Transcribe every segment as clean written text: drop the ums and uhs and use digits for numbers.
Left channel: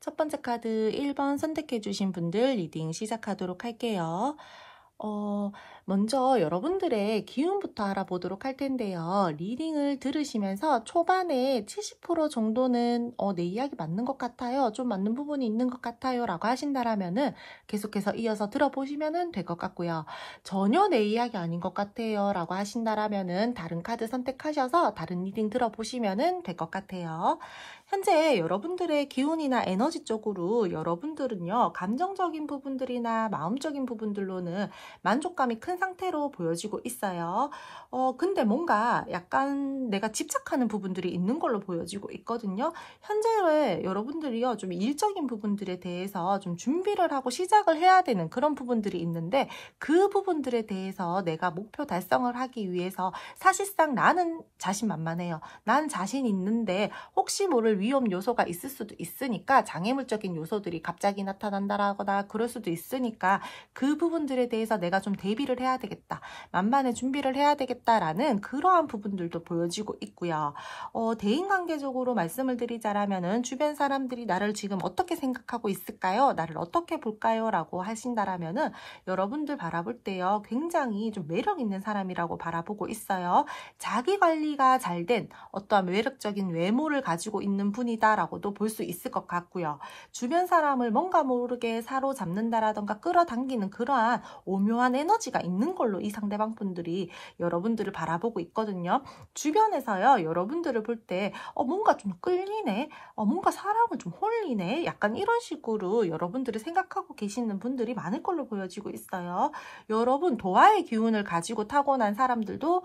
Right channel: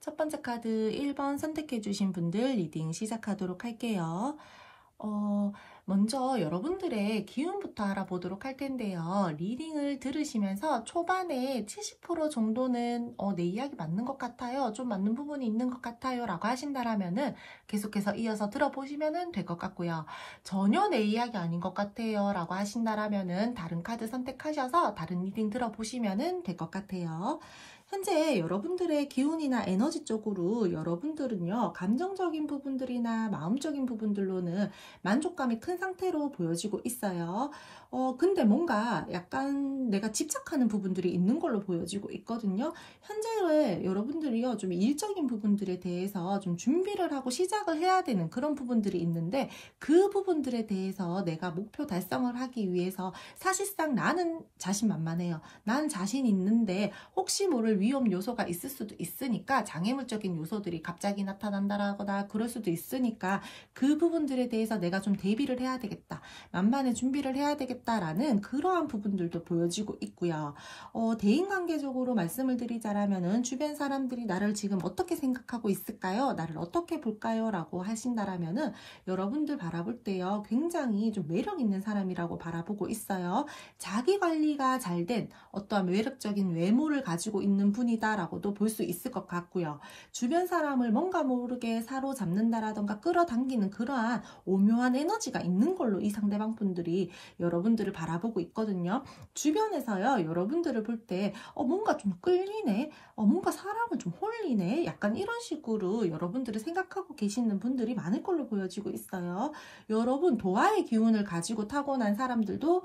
첫 번째 카드 1번 선택해 주신 분들 리딩 시작하도록 할게요. 먼저 여러분들의 기운부터 알아보도록 할 텐데요. 리딩을 들으시면서 초반에 70% 정도는 내 이야기 맞는 것 같아요. 좀 맞는 부분이 있는 것 같아요. 라고 하신다라면은 계속해서 이어서 들어보시면 될 것 같고요. 전혀 내 이야기 아닌 것 같아요. 라고 하신다라면은 다른 카드 선택하셔서 다른 리딩 들어보시면 될 것 같아요. 현재 여러분들의 기운이나 에너지 쪽으로 여러분들은요, 감정적인 부분들이나 마음적인 부분들로는 만족감이 큰 상태로 보여지고 있어요. 근데 뭔가 약간 내가 집착하는 부분들이 있는 걸로 보여지고 있거든요. 현재 여러분들이요, 좀 일적인 부분들에 대해서 좀 준비를 하고 시작을 해야 되는 그런 부분들이 있는데, 그 부분들에 대해서 내가 목표 달성을 하기 위해서 사실상 나는 자신만만해요. 난 자신 있는데 혹시 모를 위험 요소가 있을 수도 있으니까, 장애물적인 요소들이 갑자기 나타난다거나 그럴 수도 있으니까 그 부분들에 대해서 내가 좀 대비를 해야 되겠다, 만반의 준비를 해야 되겠다라는 그러한 부분들도 보여지고 있고요. 대인관계적으로 말씀을 드리자라면은 주변 사람들이 나를 지금 어떻게 생각하고 있을까요? 나를 어떻게 볼까요? 라고 하신다라면은 여러분들 바라볼 때요, 굉장히 좀 매력 있는 사람이라고 바라보고 있어요. 자기 관리가 잘 된 어떠한 매력적인 외모를 가지고 있는 분이다라고도 볼 수 있을 것 같고요. 주변 사람을 뭔가 모르게 사로잡는다라던가 끌어당기는 그러한 오묘한 에너지가 있는 걸로 이 상대방 분들이 여러분들을 바라보고 있거든요. 주변에서요, 여러분들을 볼 때 뭔가 좀 끌리네, 뭔가 사람을 좀 홀리네, 약간 이런 식으로 여러분들을 생각하고 계시는 분들이 많을 걸로 보여지고 있어요. 여러분 도화의 기운을 가지고 타고난 사람들도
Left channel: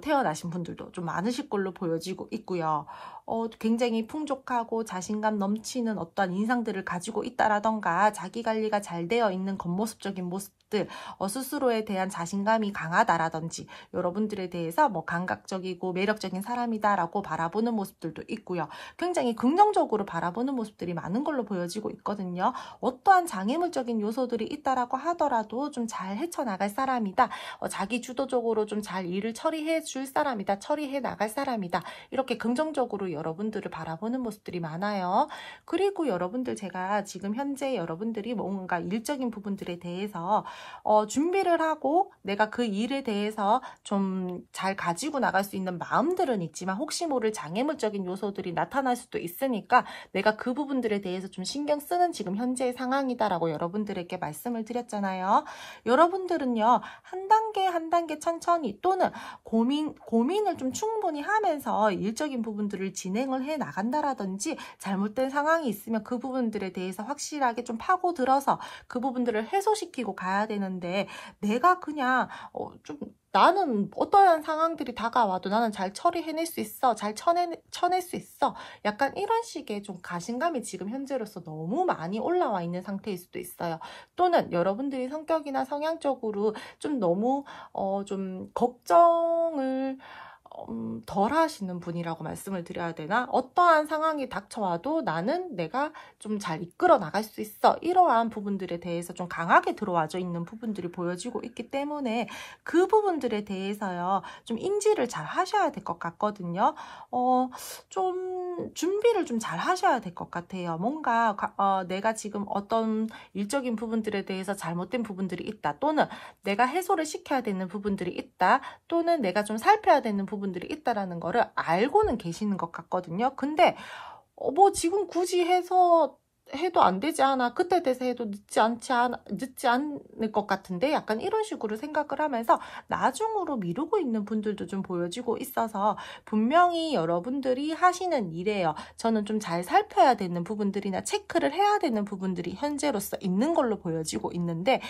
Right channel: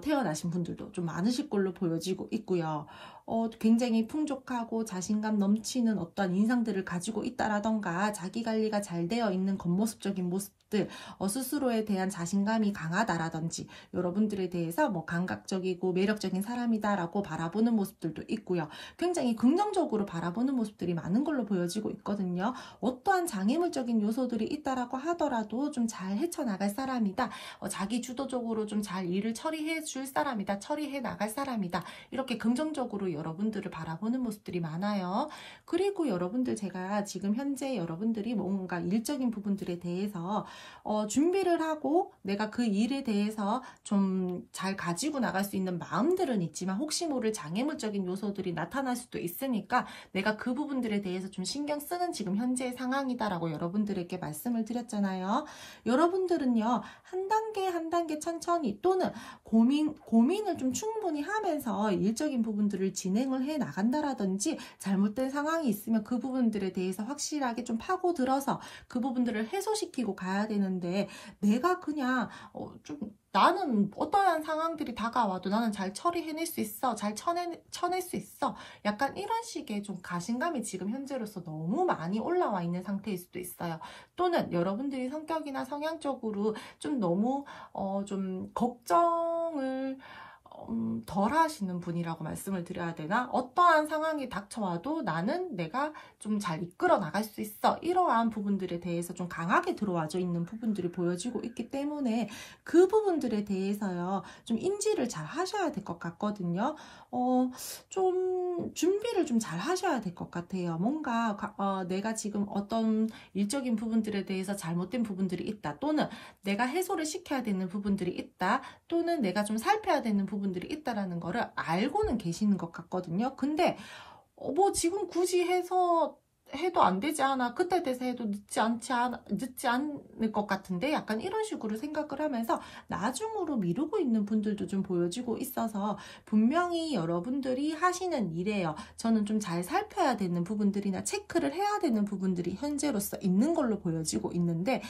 태어나신 분들도 좀 많으실 걸로 보여지고 있고요. 굉장히 풍족하고 자신감 넘치는 어떠한 인상들을 가지고 있다라던가 자기 관리가 잘 되어 있는 겉모습적인 모습들, 스스로에 대한 자신감이 강하다라든지 여러분들에 대해서 뭐 감각적이고 매력적인 사람이다라고 바라보는 모습들도 있고요. 굉장히 긍정적으로 바라보는 모습들이 많은 걸로 보여지고 있거든요. 어떠한 장애물적인 요소들이 있다라고 하더라도 좀 잘 헤쳐나갈 사람이다. 자기 주도적으로 좀 잘 일을 처리해 줄 사람이다. 처리해 나갈 사람이다. 이렇게 긍정적으로 여러분들을 바라보는 모습들이 많아요. 그리고 여러분들, 제가 지금 현재 여러분들이 뭔가 일적인 부분들에 대해서 준비를 하고 내가 그 일에 대해서 좀 잘 가지고 나갈 수 있는 마음들은 있지만 혹시 모를 장애물적인 요소들이 나타날 수도 있으니까 내가 그 부분들에 대해서 좀 신경 쓰는 지금 현재의 상황이다라고 여러분들에게 말씀을 드렸잖아요. 여러분들은요, 한 단계 한 단계 천천히 또는 고민을 좀 충분히 하면서 일적인 부분들을 진행을 해 나간다라든지, 잘못된 상황이 있으면 그 부분들에 대해서 확실하게 좀 파고들어서 그 부분들을 해소시키고 가야 되는데, 내가 그냥 나는 어떠한 상황들이 다가와도 나는 잘 처리해낼 수 있어, 잘 쳐낼 수 있어, 약간 이런 식의 좀 가신감이 지금 현재로서 너무 많이 올라와 있는 상태일 수도 있어요. 또는 여러분들이 성격이나 성향적으로 좀 너무 좀 걱정을 덜 하시는 분이라고 말씀을 드려야 되나? 어떠한 상황이 닥쳐와도 나는 내가 좀 잘 이끌어 나갈 수 있어, 이러한 부분들에 대해서 좀 강하게 들어와져 있는 부분들이 보여지고 있기 때문에 그 부분들에 대해서요, 좀 인지를 잘 하셔야 될 것 같거든요. 좀 준비를 좀 잘 하셔야 될 것 같아요. 뭔가 내가 지금 어떤 일적인 부분들에 대해서 잘못된 부분들이 있다, 또는 내가 해소를 시켜야 되는 부분들이 있다, 또는 내가 좀 살펴야 되는 부분들이 있다라는 거를 알고는 계시는 것 같거든요. 근데 뭐 지금 굳이 해서 해도 안 되지 않아? 그때 돼서 해도 늦지 않을 것 같은데? 약간 이런 식으로 생각을 하면서 나중으로 미루고 있는 분들도 좀 보여지고 있어서 분명히 여러분들이 하시는 일이에요. 저는 좀 잘 살펴야 되는 부분들이나 체크를 해야 되는 부분들이 현재로서 있는 걸로 보여지고 있는데,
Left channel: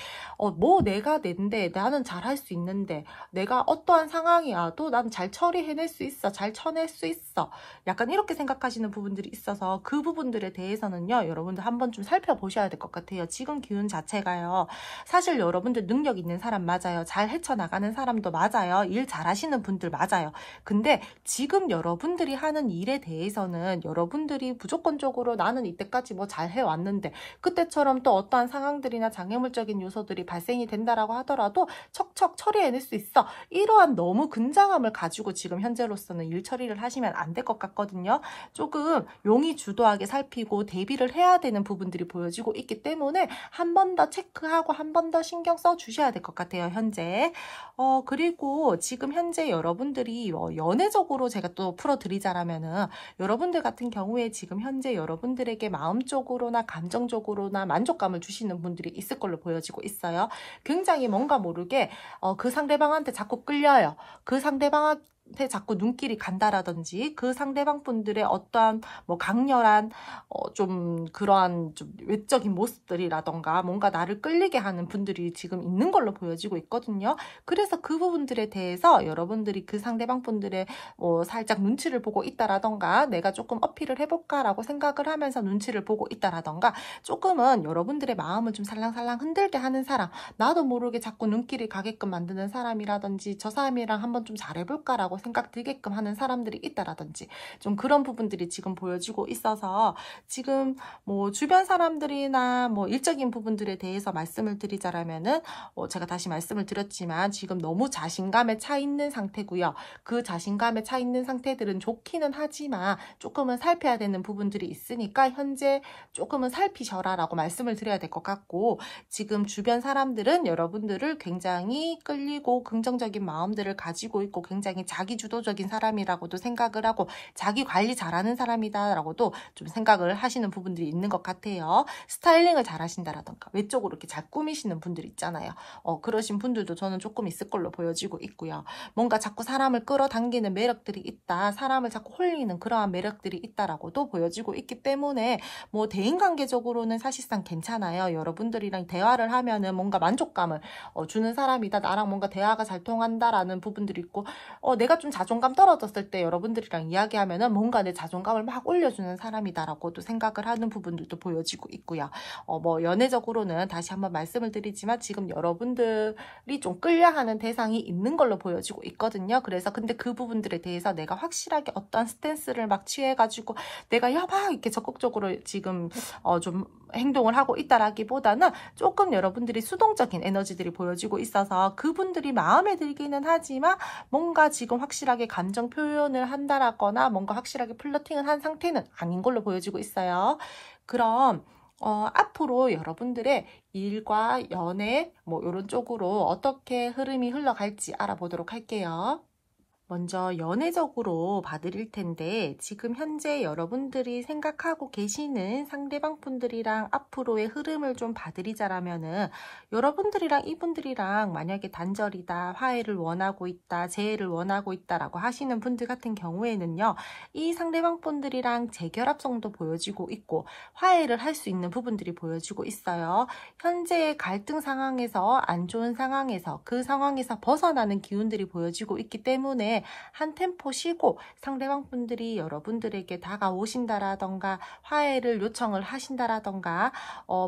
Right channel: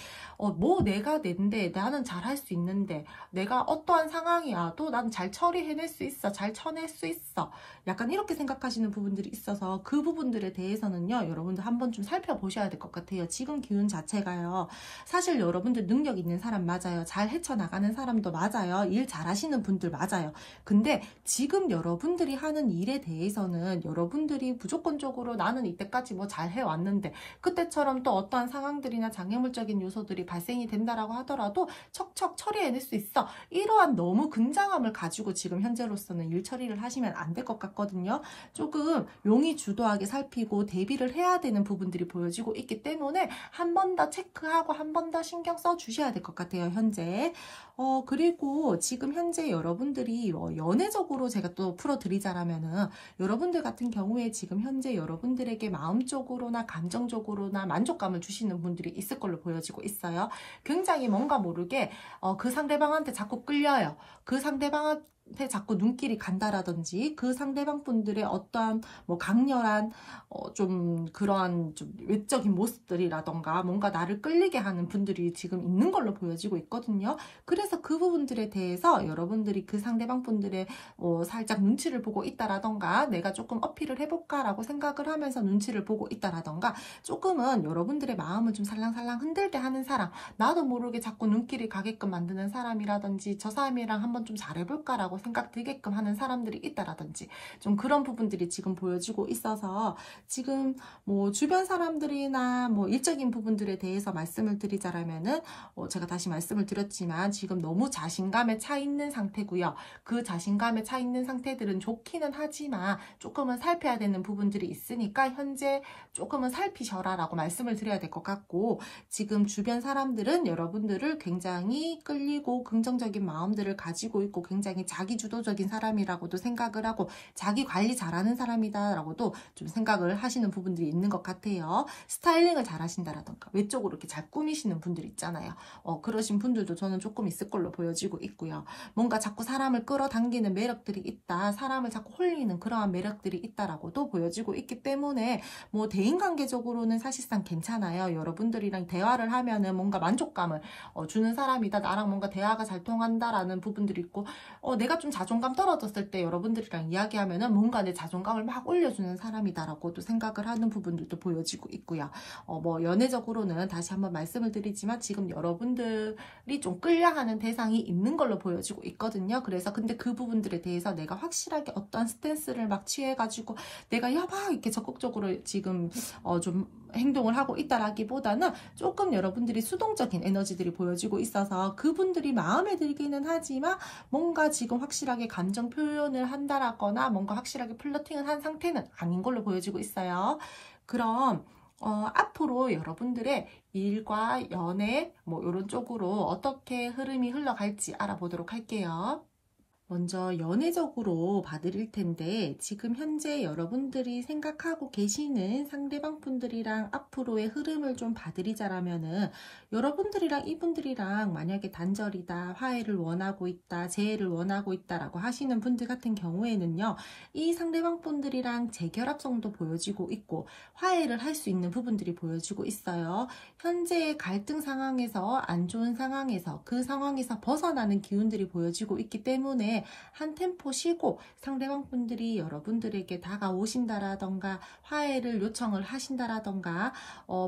뭐 내가 낸데, 나는 잘 할 수 있는데, 내가 어떠한 상황이 와도 난 잘 처리해낼 수 있어, 잘 쳐낼 수 있어. 약간 이렇게 생각하시는 부분들이 있어서 그 부분들에 대해서는요, 여러분들 한번 좀 살펴보셔야 될 것 같아요. 지금 기운 자체가요, 사실 여러분들 능력 있는 사람 맞아요. 잘 헤쳐나가는 사람도 맞아요. 일 잘하시는 분들 맞아요. 근데 지금 여러분들이 하는 일에 대해서는 여러분들이 무조건적으로 나는 이때까지 뭐 잘 해왔는데 그때처럼 또 어떠한 상황들이나 장애물적인 요소들이 발생이 된다라고 하더라도 척척 처리해낼 수 있어. 이러한 너무 근장함을 가지고 지금 현재로서는 일 처리를 하시면 안 될 것 같거든요. 조금 용이 주도하게 살피고 대비를 해야 되는 부분들이 보여지고 있기 때문에 한 번 더 체크하고 한 번 더 신경 써 주셔야 될 것 같아요, 현재. 그리고 지금 현재 여러분들이 연애적으로 제가 또 풀어드리자라면은, 여러분들 같은 경우에 지금 현재 여러분들에게 마음적으로나 감정적으로나 만족감을 주시는 분들이 있을 걸로 보여지고 있어요. 굉장히 뭔가 모르게 그 상대방한테 자꾸 끌려요. 그 상대방한테 자꾸 눈길이 간다라든지, 그 상대방 분들의 어떠한 뭐 강렬한 좀 그러한 좀 외적인 모습들이라던가 뭔가 나를 끌리게 하는 분들이 지금 있는 걸로 보여지고 있거든요. 그래서 그 부분들에 대해서 여러분들이 그 상대방 분들의 살짝 눈치를 보고 있다라던가, 내가 조금 어필을 해볼까라고 생각을 하면서 눈치를 보고 있다라던가, 조금은 여러분들의 마음을 좀 살랑살랑 흔들게 하는 사람, 나도 모르게 자꾸 눈길이 가게끔 만드는 사람이라든지, 저 사람이랑 한번 좀 잘해볼까라고 생각 들게끔 하는 사람들이 있다라든지, 좀 그런 부분들이 지금 보여지고 있어서, 지금 뭐 주변 사람들이나 뭐 일적인 부분들에 대해서 말씀을 드리자라면은, 제가 다시 말씀을 드렸지만 지금 너무 자신감에 차 있는 상태고요. 그 자신감에 차 있는 상태들은 좋기는 하지만 조금은 살펴야 되는 부분들이 있으니까 현재 조금은 살피셔라 라고 말씀을 드려야 될 것 같고, 지금 주변 사람들은 여러분들을 굉장히 끌리고 긍정적인 마음들을 가지고 있고 굉장히 자기주도적인 사람이라고도 생각을 하고 자기 관리 잘하는 사람이다 라고도 좀 생각을 하시는 부분들이 있는 것 같아요. 스타일링을 잘 하신다라던가 외적으로 이렇게 잘 꾸미시는 분들 있잖아요. 그러신 분들도 저는 조금 있을 걸로 보여지고 있고요. 뭔가 자꾸 사람을 끌어당기는 매력들이 있다, 사람을 자꾸 홀리는 그러한 매력들이 있다라고도 보여지고 있기 때문에, 뭐 대인관계적으로는 사실상 괜찮아요. 여러분들이랑 대화를 하면은 뭔가 만족감을 주는 사람이다, 나랑 뭔가 대화가 잘 통한다라는 부분들이 있고, 내가 좀 자존감 떨어졌을 때 여러분들이랑 이야기하면은 뭔가 내 자존감을 막 올려주는 사람이다라고도 생각을 하는 부분들도 보여지고 있고요. 뭐 연애적으로는 다시 한번 말씀을 드리지만 지금 여러분들이 좀 끌려하는 대상이 있는 걸로 보여지고 있거든요. 그래서 근데 그 부분들에 대해서 내가 확실하게 어떤 스탠스를 막 취해가지고 내가 막 이렇게 적극적으로 지금 좀 행동을 하고 있다라기보다는 조금 여러분들이 수동적인 에너지들이 보여지고 있어서 그분들이 마음에 들기는 하지만 뭔가 지금 확실하게 감정 표현을 한다라거나 뭔가 확실하게 플러팅을 한 상태는 아닌 걸로 보여지고 있어요. 그럼 앞으로 여러분들의 일과 연애 뭐 이런 쪽으로 어떻게 흐름이 흘러갈지 알아보도록 할게요. 먼저 연애적으로 봐드릴 텐데, 지금 현재 여러분들이 생각하고 계시는 상대방 분들이랑 앞으로의 흐름을 좀 봐드리자라면은, 여러분들이랑 이분들이랑 만약에 단절이다, 화해를 원하고 있다, 재회를 원하고 있다라고 하시는 분들 같은 경우에는요, 이 상대방 분들이랑 재결합성도 보여지고 있고 화해를 할 수 있는 부분들이 보여지고 있어요. 현재의 갈등 상황에서, 안 좋은 상황에서, 그 상황에서 벗어나는 기운들이 보여지고 있기 때문에 한 템포 쉬고 상대방 분들이 여러분들에게 다가오신다라던가 화해를 요청을 하신다라던가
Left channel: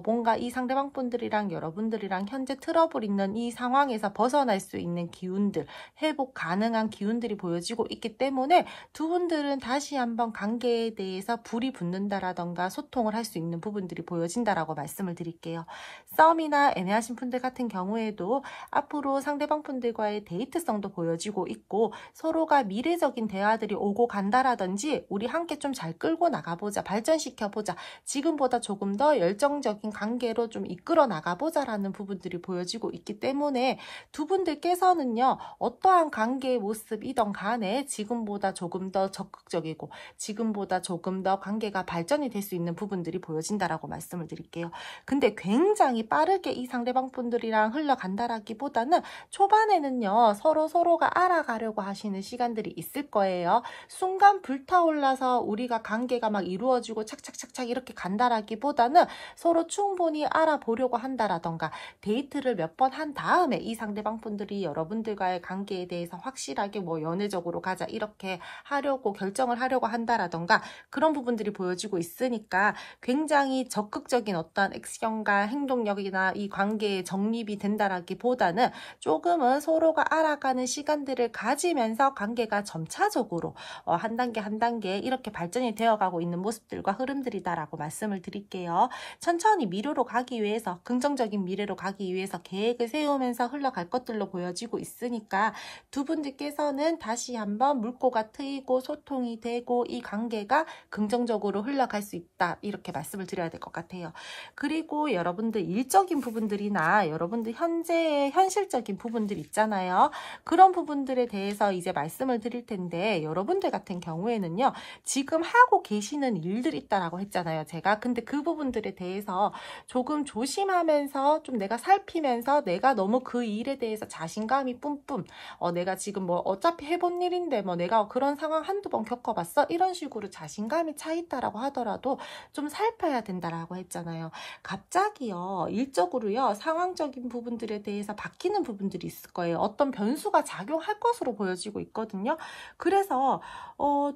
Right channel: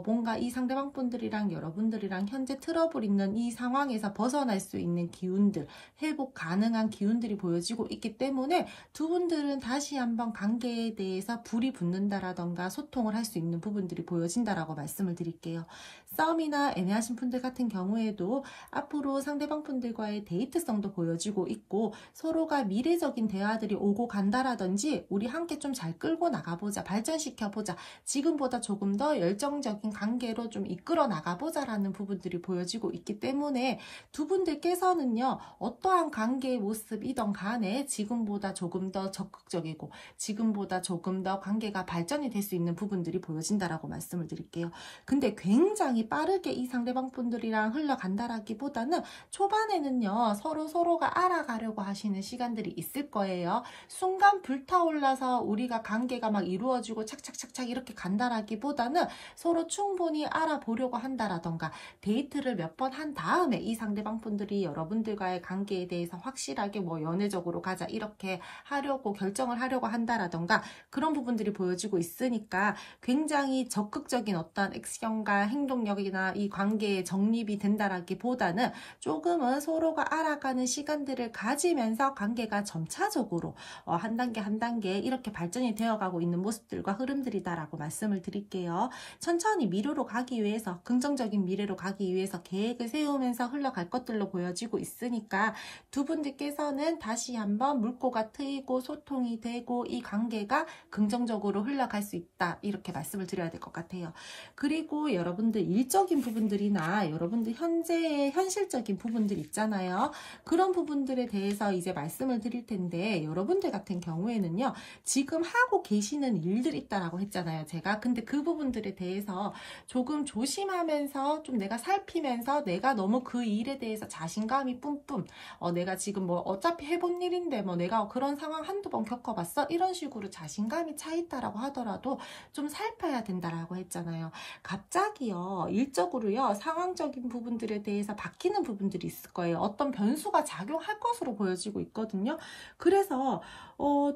뭔가 이 상대방 분들이랑 여러분들이랑 현재 트러블 있는 이 상황에서 벗어날 수 있는 기운들, 회복 가능한 기운들이 보여지고 있기 때문에 두 분들은 다시 한번 관계에 대해서 불이 붙는다라던가 소통을 할 수 있는 부분들이 보여진다라고 말씀을 드릴게요. 싸움이나 애매하신 분들 같은 경우에도 앞으로 상대방 분들과의 데이트성도 보여지고 있고, 서로가 미래적인 대화들이 오고 간다라든지 우리 함께 좀 잘 끌고 나가보자, 발전시켜보자, 지금보다 조금 더 열정적인 관계로 좀 이끌어 나가보자라는 부분들이 보여지고 있기 때문에 두 분들께서는요, 어떠한 관계의 모습이든 간에 지금보다 조금 더 적극적이고 지금보다 조금 더 관계가 발전이 될 수 있는 부분들이 보여진다라고 말씀을 드릴게요. 근데 굉장히 빠르게 이 상대방 분들이랑 흘러간다라기보다는 초반에는요, 서로가 알아가려고 하시는 시간들이 있을 거예요. 순간 불타올라서 우리가 관계가 막 이루어지고 착착착착 이렇게 간다라기보다는 서로 충분히 알아보려고 한다라던가 데이트를 몇 번 한 다음에 이 상대방 분들이 여러분들과의 관계에 대해서 확실하게 뭐 연애적으로 가자 이렇게 하려고 결정을 하려고 한다라던가 그런 부분들이 보여지고 있으니까 굉장히 적극적인 어떤 액션과 행동력이나 이 관계에 정립이 된다라기보다는 조금은 서로가 알아가는 시간들을 가지면서 관계가 점차적으로 한 단계 한 단계 이렇게 발전이 되어가고 있는 모습들과 흐름들이다라고 말씀을 드릴게요. 천천히 미래로 가기 위해서, 긍정적인 미래로 가기 위해서 계획을 세우면서 흘러갈 것들로 보여지고 있으니까 두 분들께서는 다시 한번 물꼬가 트이고 소통이 되고 이 관계가 긍정적으로 흘러갈 수 있다, 이렇게 말씀을 드려야 될 것 같아요. 그리고 여러분들 일적인 부분들이나 여러분들 현재의 현실적인 부분들 있잖아요. 그런 부분들에 대해서 이제 말씀을 드릴 텐데, 여러분들 같은 경우에는요, 지금 하고 계시는 일들이 있다라고 했잖아요, 제가. 근데 그 부분들에 대해서 조금 조심하면서 좀 내가 살피면서 내가 너무 그 일에 대해서 자신감이 뿜뿜, 내가 지금 뭐 어차피 해본 일인데 뭐 내가 그런 상황 한두 번 겪어봤어? 이런 식으로 자신감이 차 있다라고 하더라도 좀 살펴야 된다라고 했잖아요. 갑자기요, 일적으로요, 상황적인 부분들에 대해서 바뀌는 부분들이 있을 거예요. 어떤 변수가 작용할 것으로 보여지고 있거든요. 그래서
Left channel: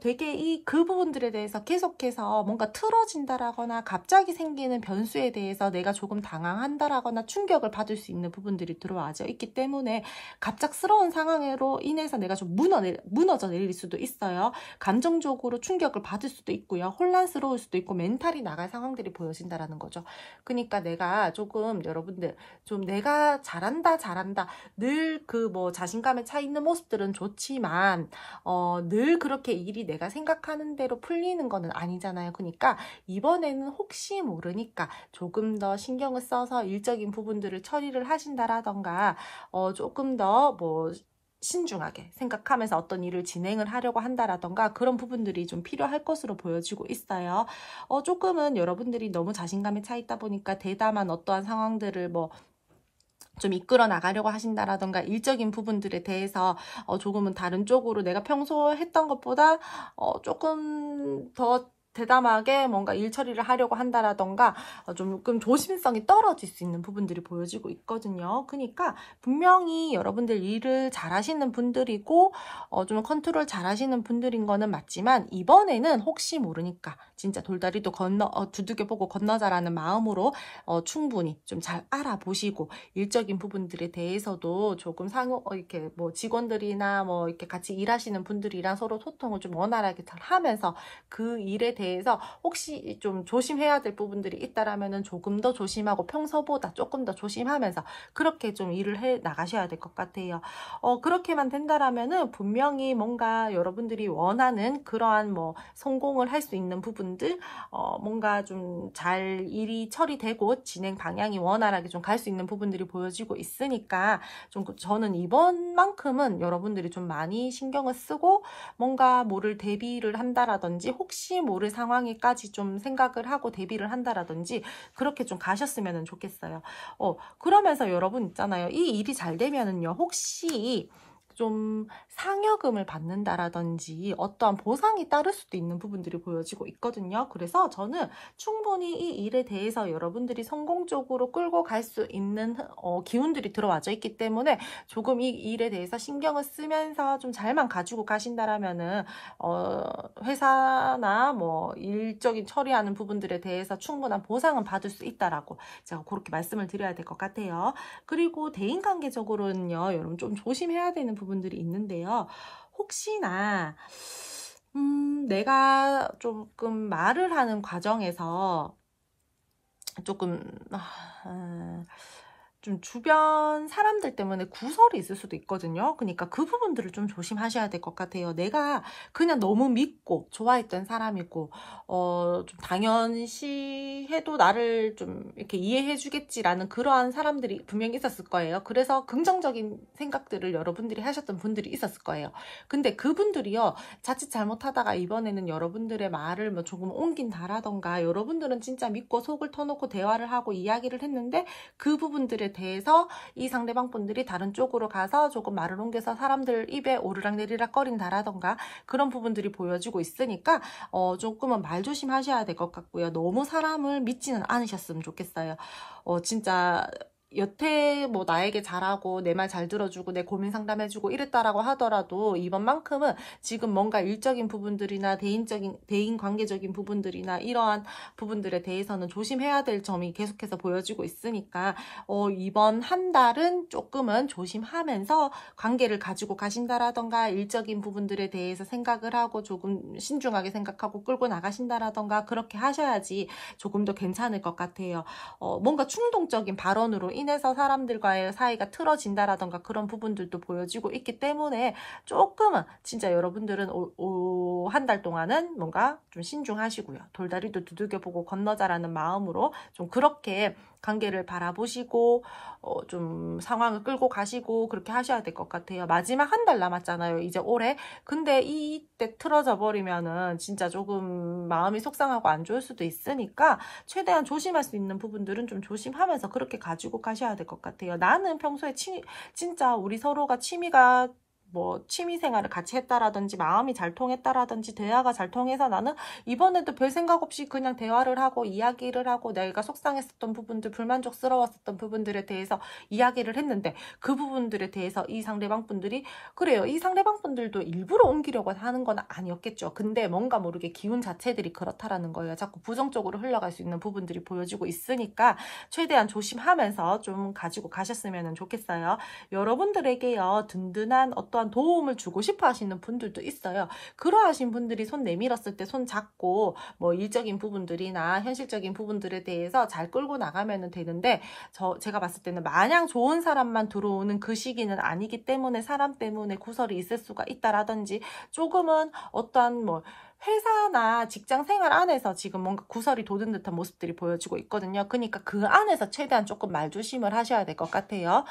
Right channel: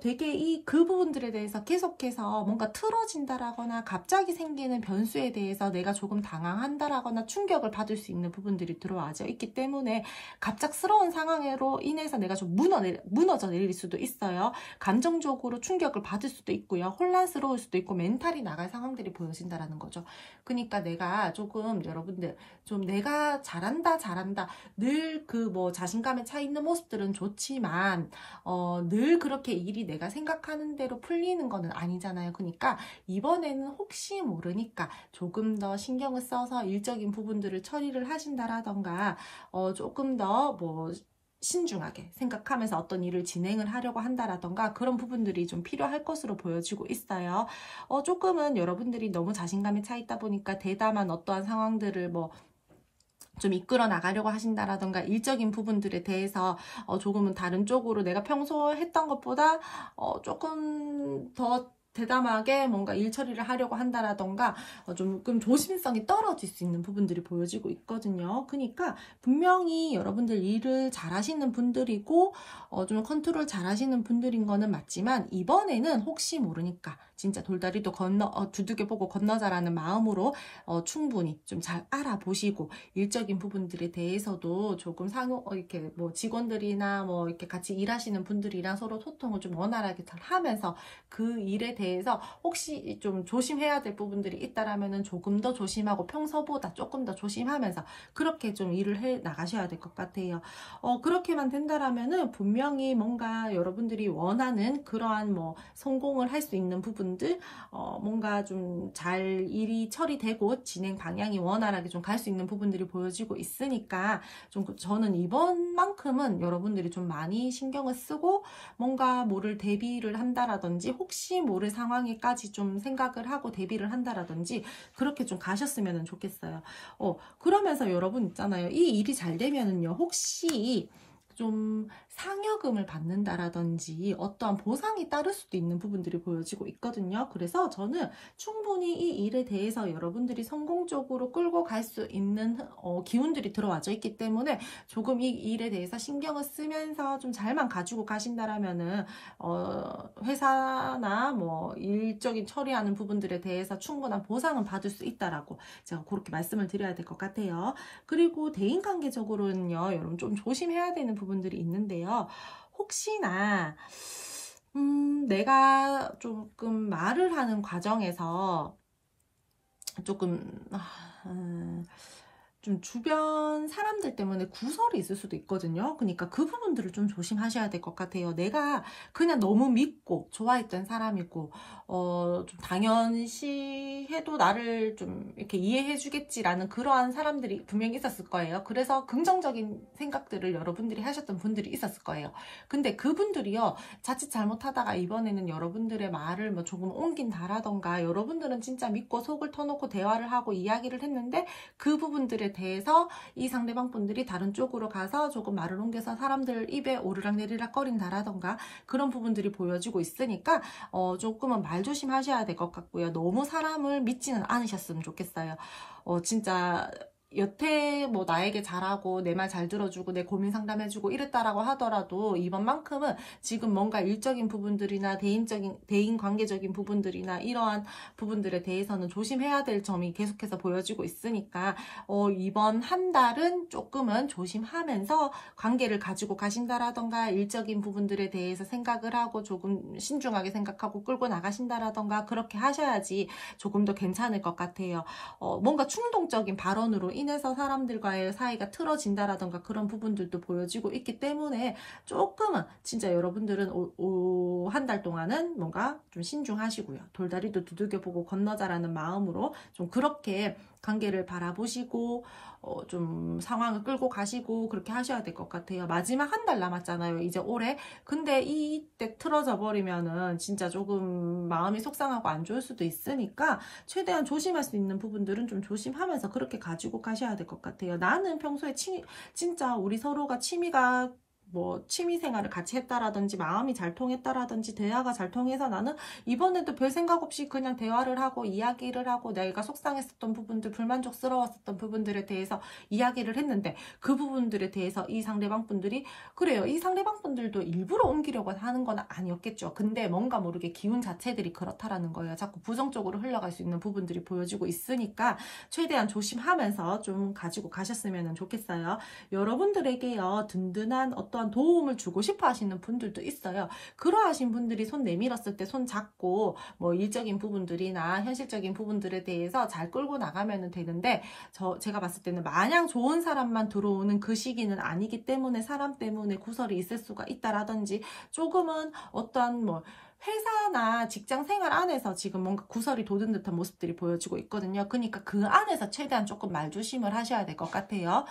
되게 그 부분들에 대해서 계속해서 뭔가 틀어진다라거나 갑자기 생기는 변수에 대해서 내가 조금 당황한다라거나 충격을 받을 수 있는 부분들이 들어와져 있기 때문에 갑작스러운 상황으로 인해서 내가 좀 무너져 내릴 수도 있어요. 감정적으로 충격을 받을 수도 있고요. 혼란스러울 수도 있고 멘탈이 나갈 상황들이 보여진다라는 거죠. 그러니까 내가 조금 여러분들 좀 내가 잘한다 늘 그 뭐 자신감에 차 있는 모습들은 좋지만 늘 그렇게 일이 내가 생각하는 대로 풀리는 거는 아니잖아요. 그러니까 이번에는 혹시 모르니까 조금 더 신경을 써서 일적인 부분들을 처리를 하신다라던가 조금 더 뭐 신중하게 생각하면서 어떤 일을 진행을 하려고 한다라던가 그런 부분들이 좀 필요할 것으로 보여지고 있어요. 조금은 여러분들이 너무 자신감에 차 있다 보니까 대담한 어떠한 상황들을 뭐 좀 이끌어 나가려고 하신다라던가 일적인 부분들에 대해서 조금은 다른 쪽으로 내가 평소 했던 것보다 조금 더 대담하게 뭔가 일 처리를 하려고 한다라던가 조금 조심성이 떨어질 수 있는 부분들이 보여지고 있거든요. 그러니까 분명히 여러분들 일을 잘하시는 분들이고 좀 컨트롤 잘하시는 분들인 거는 맞지만 이번에는 혹시 모르니까 진짜 돌다리도 두들겨보고 건너자라는 마음으로 충분히 좀 잘 알아보시고 일적인 부분들에 대해서도 조금 이렇게 뭐 직원들이나 뭐 이렇게 같이 일하시는 분들이랑 서로 소통을 좀 원활하게 잘 하면서 그 일에 대해서 혹시 좀 조심해야 될 부분들이 있다라면은 조금 더 조심하고 평소보다 조금 더 조심하면서 그렇게 좀 일을 해 나가셔야 될 것 같아요. 그렇게만 된다라면은 분명히 뭔가 여러분들이 원하는 그러한 뭐 성공을 할 수 있는 부분들 뭔가 좀 잘 일이 처리되고 진행 방향이 원활하게 좀 갈 수 있는 부분들이 보여지고 있으니까 좀 저는 이번만큼은 여러분들이 좀 많이 신경을 쓰고 뭔가 뭐를 대비를 한다라든지 혹시 모를 상황에까지 좀 생각을 하고 대비를 한다라든지 그렇게 좀 가셨으면 좋겠어요. 그러면서 여러분 있잖아요. 이 일이 잘 되면은요, 혹시 좀 상여금을 받는다라든지 어떠한 보상이 따를 수도 있는 부분들이 보여지고 있거든요. 그래서 저는 충분히 이 일에 대해서 여러분들이 성공적으로 끌고 갈 수 있는 기운들이 들어와져 있기 때문에 조금 이 일에 대해서 신경을 쓰면서 좀 잘만 가지고 가신다라면은 회사나 뭐 일적인 처리하는 부분들에 대해서 충분한 보상은 받을 수 있다라고 제가 그렇게 말씀을 드려야 될 것 같아요. 그리고 대인관계적으로는요, 여러분 좀 조심해야 되는 부분들이 있는데요. 혹시나 내가 조금 말을 하는 과정에서 조금 좀 주변 사람들 때문에 구설이 있을 수도 있거든요. 그러니까 그 부분들을 좀 조심하셔야 될 것 같아요. 내가 그냥 너무 믿고 좋아했던 사람이고 좀 당연시 해도 나를 좀 이렇게 이해해 주겠지라는 그러한 사람들이 분명히 있었을 거예요. 그래서 긍정적인 생각들을 여러분들이 하셨던 분들이 있었을 거예요. 근데 그분들이요, 자칫 잘못하다가 이번에는 여러분들의 말을 뭐 조금 옮긴다라던가, 여러분들은 진짜 믿고 속을 터놓고 대화를 하고 이야기를 했는데 그 부분들에 대해서 이 상대방 분들이 다른 쪽으로 가서 조금 말을 옮겨서 사람들 입에 오르락 내리락 거린다라던가 그런 부분들이 보여지고 있으니까 조금은 말 조심하셔야 될 것 같고요. 너무 사람을 믿지는 않으셨으면 좋겠어요. 진짜 여태 뭐 나에게 잘하고 내 말 잘 들어주고 내 고민 상담해주고 이랬다라고 하더라도 이번만큼은 지금 뭔가 일적인 부분들이나 대인 관계적인 부분들이나 이러한 부분들에 대해서는 조심해야 될 점이 계속해서 보여지고 있으니까 이번 한 달은 조금은 조심하면서 관계를 가지고 가신다라던가 일적인 부분들에 대해서 생각을 하고 조금 신중하게 생각하고 끌고 나가신다라던가 그렇게 하셔야지 조금 더 괜찮을 것 같아요. 뭔가 충동적인 발언으로 인해서 사람들과의 사이가 틀어진다라던가 그런 부분들도 보여지고 있기 때문에 조금은 진짜 여러분들은 한 달 동안은 뭔가 좀 신중하시고요. 돌다리도 두들겨보고 건너자라는 마음으로 좀 그렇게 관계를 바라보시고 좀 상황을 끌고 가시고 그렇게 하셔야 될 것 같아요. 마지막 한 달 남았잖아요, 이제 올해. 근데 이때 틀어져 버리면은 진짜 조금 마음이 속상하고 안 좋을 수도 있으니까 최대한 조심할 수 있는 부분들은 좀 조심하면서 그렇게 가지고 가셔야 될 것 같아요. 나는 평소에 진짜 우리 서로가 뭐 취미생활을 같이 했다라든지 마음이 잘 통했다라든지 대화가 잘 통해서 나는 이번에도 별 생각 없이 그냥 대화를 하고 이야기를 하고 내가 속상했었던 부분들, 불만족스러웠었던 부분들에 대해서 이야기를 했는데 그 부분들에 대해서 이 상대방 분들이 그래요. 이 상대방 분들도 일부러 옮기려고 하는 건 아니었겠죠. 근데 뭔가 모르게 기운 자체들이 그렇다라는 거예요. 자꾸 부정적으로 흘러갈 수 있는 부분들이 보여지고 있으니까 최대한 조심하면서 좀 가지고 가셨으면 좋겠어요. 여러분들에게요, 든든한 어떠한 도움을 주고 싶어 하시는 분들도 있어요. 그러하신 분들이 손 내밀었을 때 손 잡고 뭐 일적인 부분들이나 현실적인 부분들에 대해서 잘 끌고 나가면 되는데 제가 봤을 때는 마냥 좋은 사람만 들어오는 그 시기는 아니기 때문에 사람 때문에 구설이 있을 수가 있다라든지 조금은 어떠한 뭐 회사나 직장 생활 안에서 지금 뭔가 구설이 돋은 듯한 모습들이 보여지고 있거든요. 그러니까 그 안에서 최대한 조금 말조심을 하셔야 될 것 같아요.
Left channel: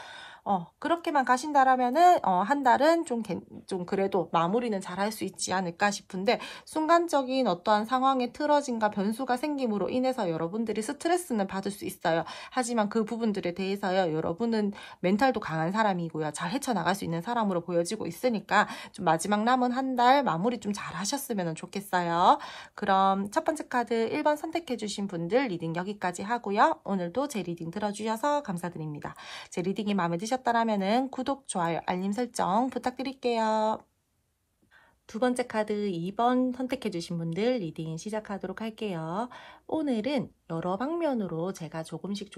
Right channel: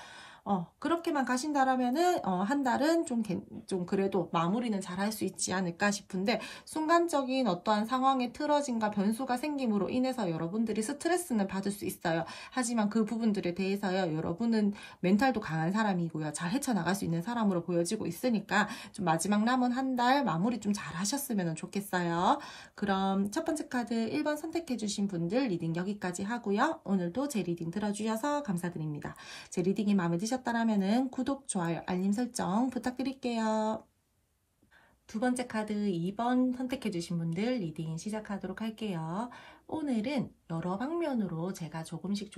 그렇게만 가신다라면은 한 달은 좀 그래도 마무리는 잘 할 수 있지 않을까 싶은데, 순간적인 어떠한 상황의 틀어짐과 변수가 생김으로 인해서 여러분들이 스트레스는 받을 수 있어요. 하지만 그 부분들에 대해서요, 여러분은 멘탈도 강한 사람이고요, 잘 헤쳐나갈 수 있는 사람으로 보여지고 있으니까 좀 마지막 남은 한 달 마무리 좀 잘 하셨으면 좋겠어요. 그럼 첫 번째 카드 1번 선택해 주신 분들 리딩 여기까지 하고요. 오늘도 제 리딩 들어주셔서 감사드립니다. 제 리딩이 마음에 드셨다면 구독, 좋아요, 알림 설정 부탁드릴게요. 두 번째 카드 2번 선택해 주신 분들 리딩 시작하도록 할게요. 오늘은 여러 방면으로 제가 조금씩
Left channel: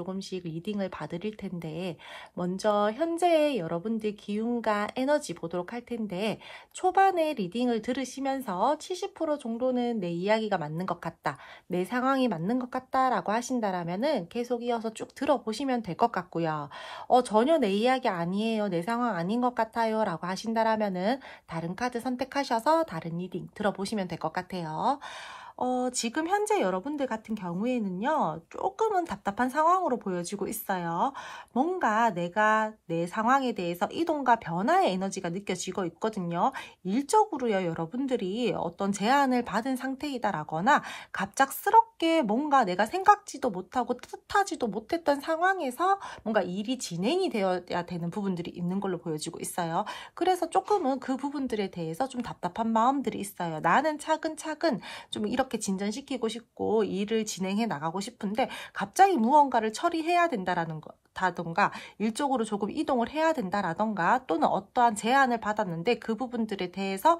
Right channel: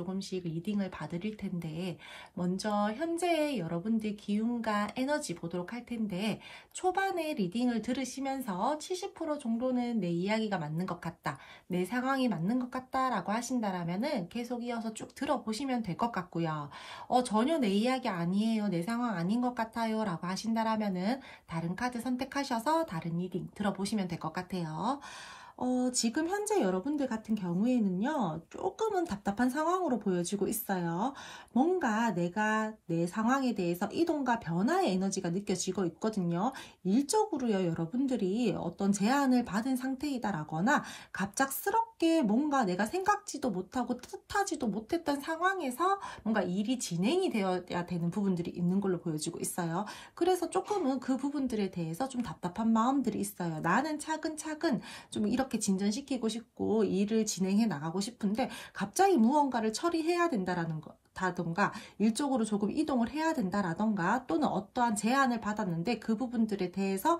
리딩을 봐드릴 텐데, 먼저 현재의 여러분들 기운과 에너지 보도록 할 텐데, 초반에 리딩을 들으시면서 70% 정도는 내 이야기가 맞는 것 같다, 내 상황이 맞는 것 같다 라고 하신다라면은 계속 이어서 쭉 들어보시면 될 것 같고요. 전혀 내 이야기 아니에요, 내 상황 아닌 것 같아요 라고 하신다라면은 다른 카드 선택하셔서 다른 리딩 들어보시면 될 것 같아요. 지금 현재 여러분들 같은 경우에는요, 조금은 답답한 상황으로 보여지고 있어요. 뭔가 내가 내 상황에 대해서 이동과 변화의 에너지가 느껴지고 있거든요. 일적으로요, 여러분들이 어떤 제안을 받은 상태이다라거나 갑작스럽게 뭔가 내가 생각지도 못하고 뜻하지도 못했던 상황에서 뭔가 일이 진행이 되어야 되는 부분들이 있는 걸로 보여지고 있어요. 그래서 조금은 그 부분들에 대해서 좀 답답한 마음들이 있어요. 나는 차근차근 좀 이렇게 진전시키고 싶고 일을 진행해 나가고 싶은데 갑자기 무언가를 처리해야 된다라는 다던가 일적으로 조금 이동을 해야 된다라던가, 또는 어떠한 제안을 받았는데 그 부분들에 대해서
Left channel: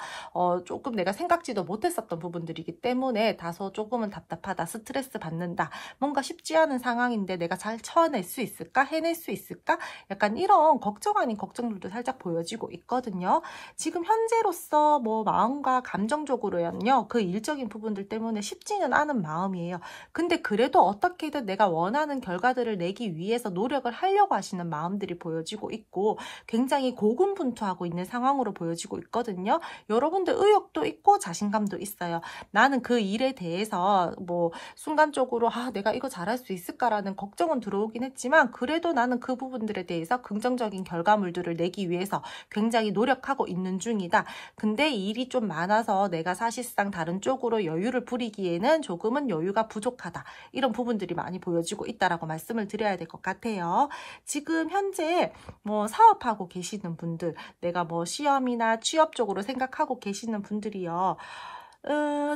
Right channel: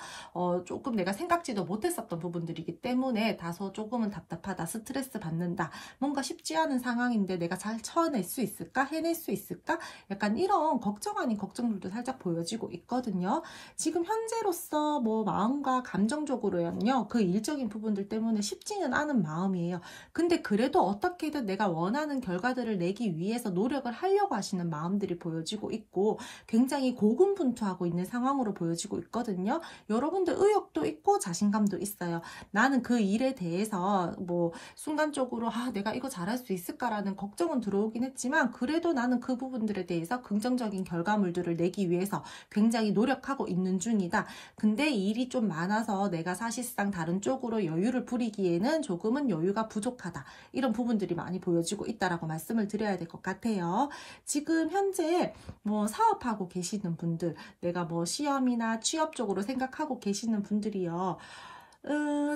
조금 내가 생각지도 못했었던 부분들이기 때문에 다소 조금은 답답하다, 스트레스 받는다, 뭔가 쉽지 않은 상황인데 내가 잘 쳐낼 수 있을까, 해낼 수 있을까, 약간 이런 걱정 아닌 걱정들도 살짝 보여지고 있거든요. 지금 현재로서 뭐 마음과 감정적으로는요, 그 일적인 부분들 때문에 쉽지는 않은 마음이에요. 근데 그래도 어떻게든 내가 원하는 결과들을 내기 위해서 노력을 노력을 하려고 하시는 마음들이 보여지고 있고 굉장히 고군분투하고 있는 상황으로 보여지고 있거든요. 여러분들 의욕도 있고 자신감도 있어요. 나는 그 일에 대해서 뭐 순간적으로 내가 이거 잘할 수 있을까라는 걱정은 들어오긴 했지만 그래도 나는 그 부분들에 대해서 긍정적인 결과물들을 내기 위해서 굉장히 노력하고 있는 중이다. 근데 일이 좀 많아서 내가 사실상 다른 쪽으로 여유를 부리기에는 조금은 여유가 부족하다. 이런 부분들이 많이 보여지고 있다라고 말씀을 드려야 될 것 같아요. 지금 현재 뭐 사업하고 계시는 분들, 내가 뭐 시험이나 취업 쪽으로 생각하고 계시는 분들이요.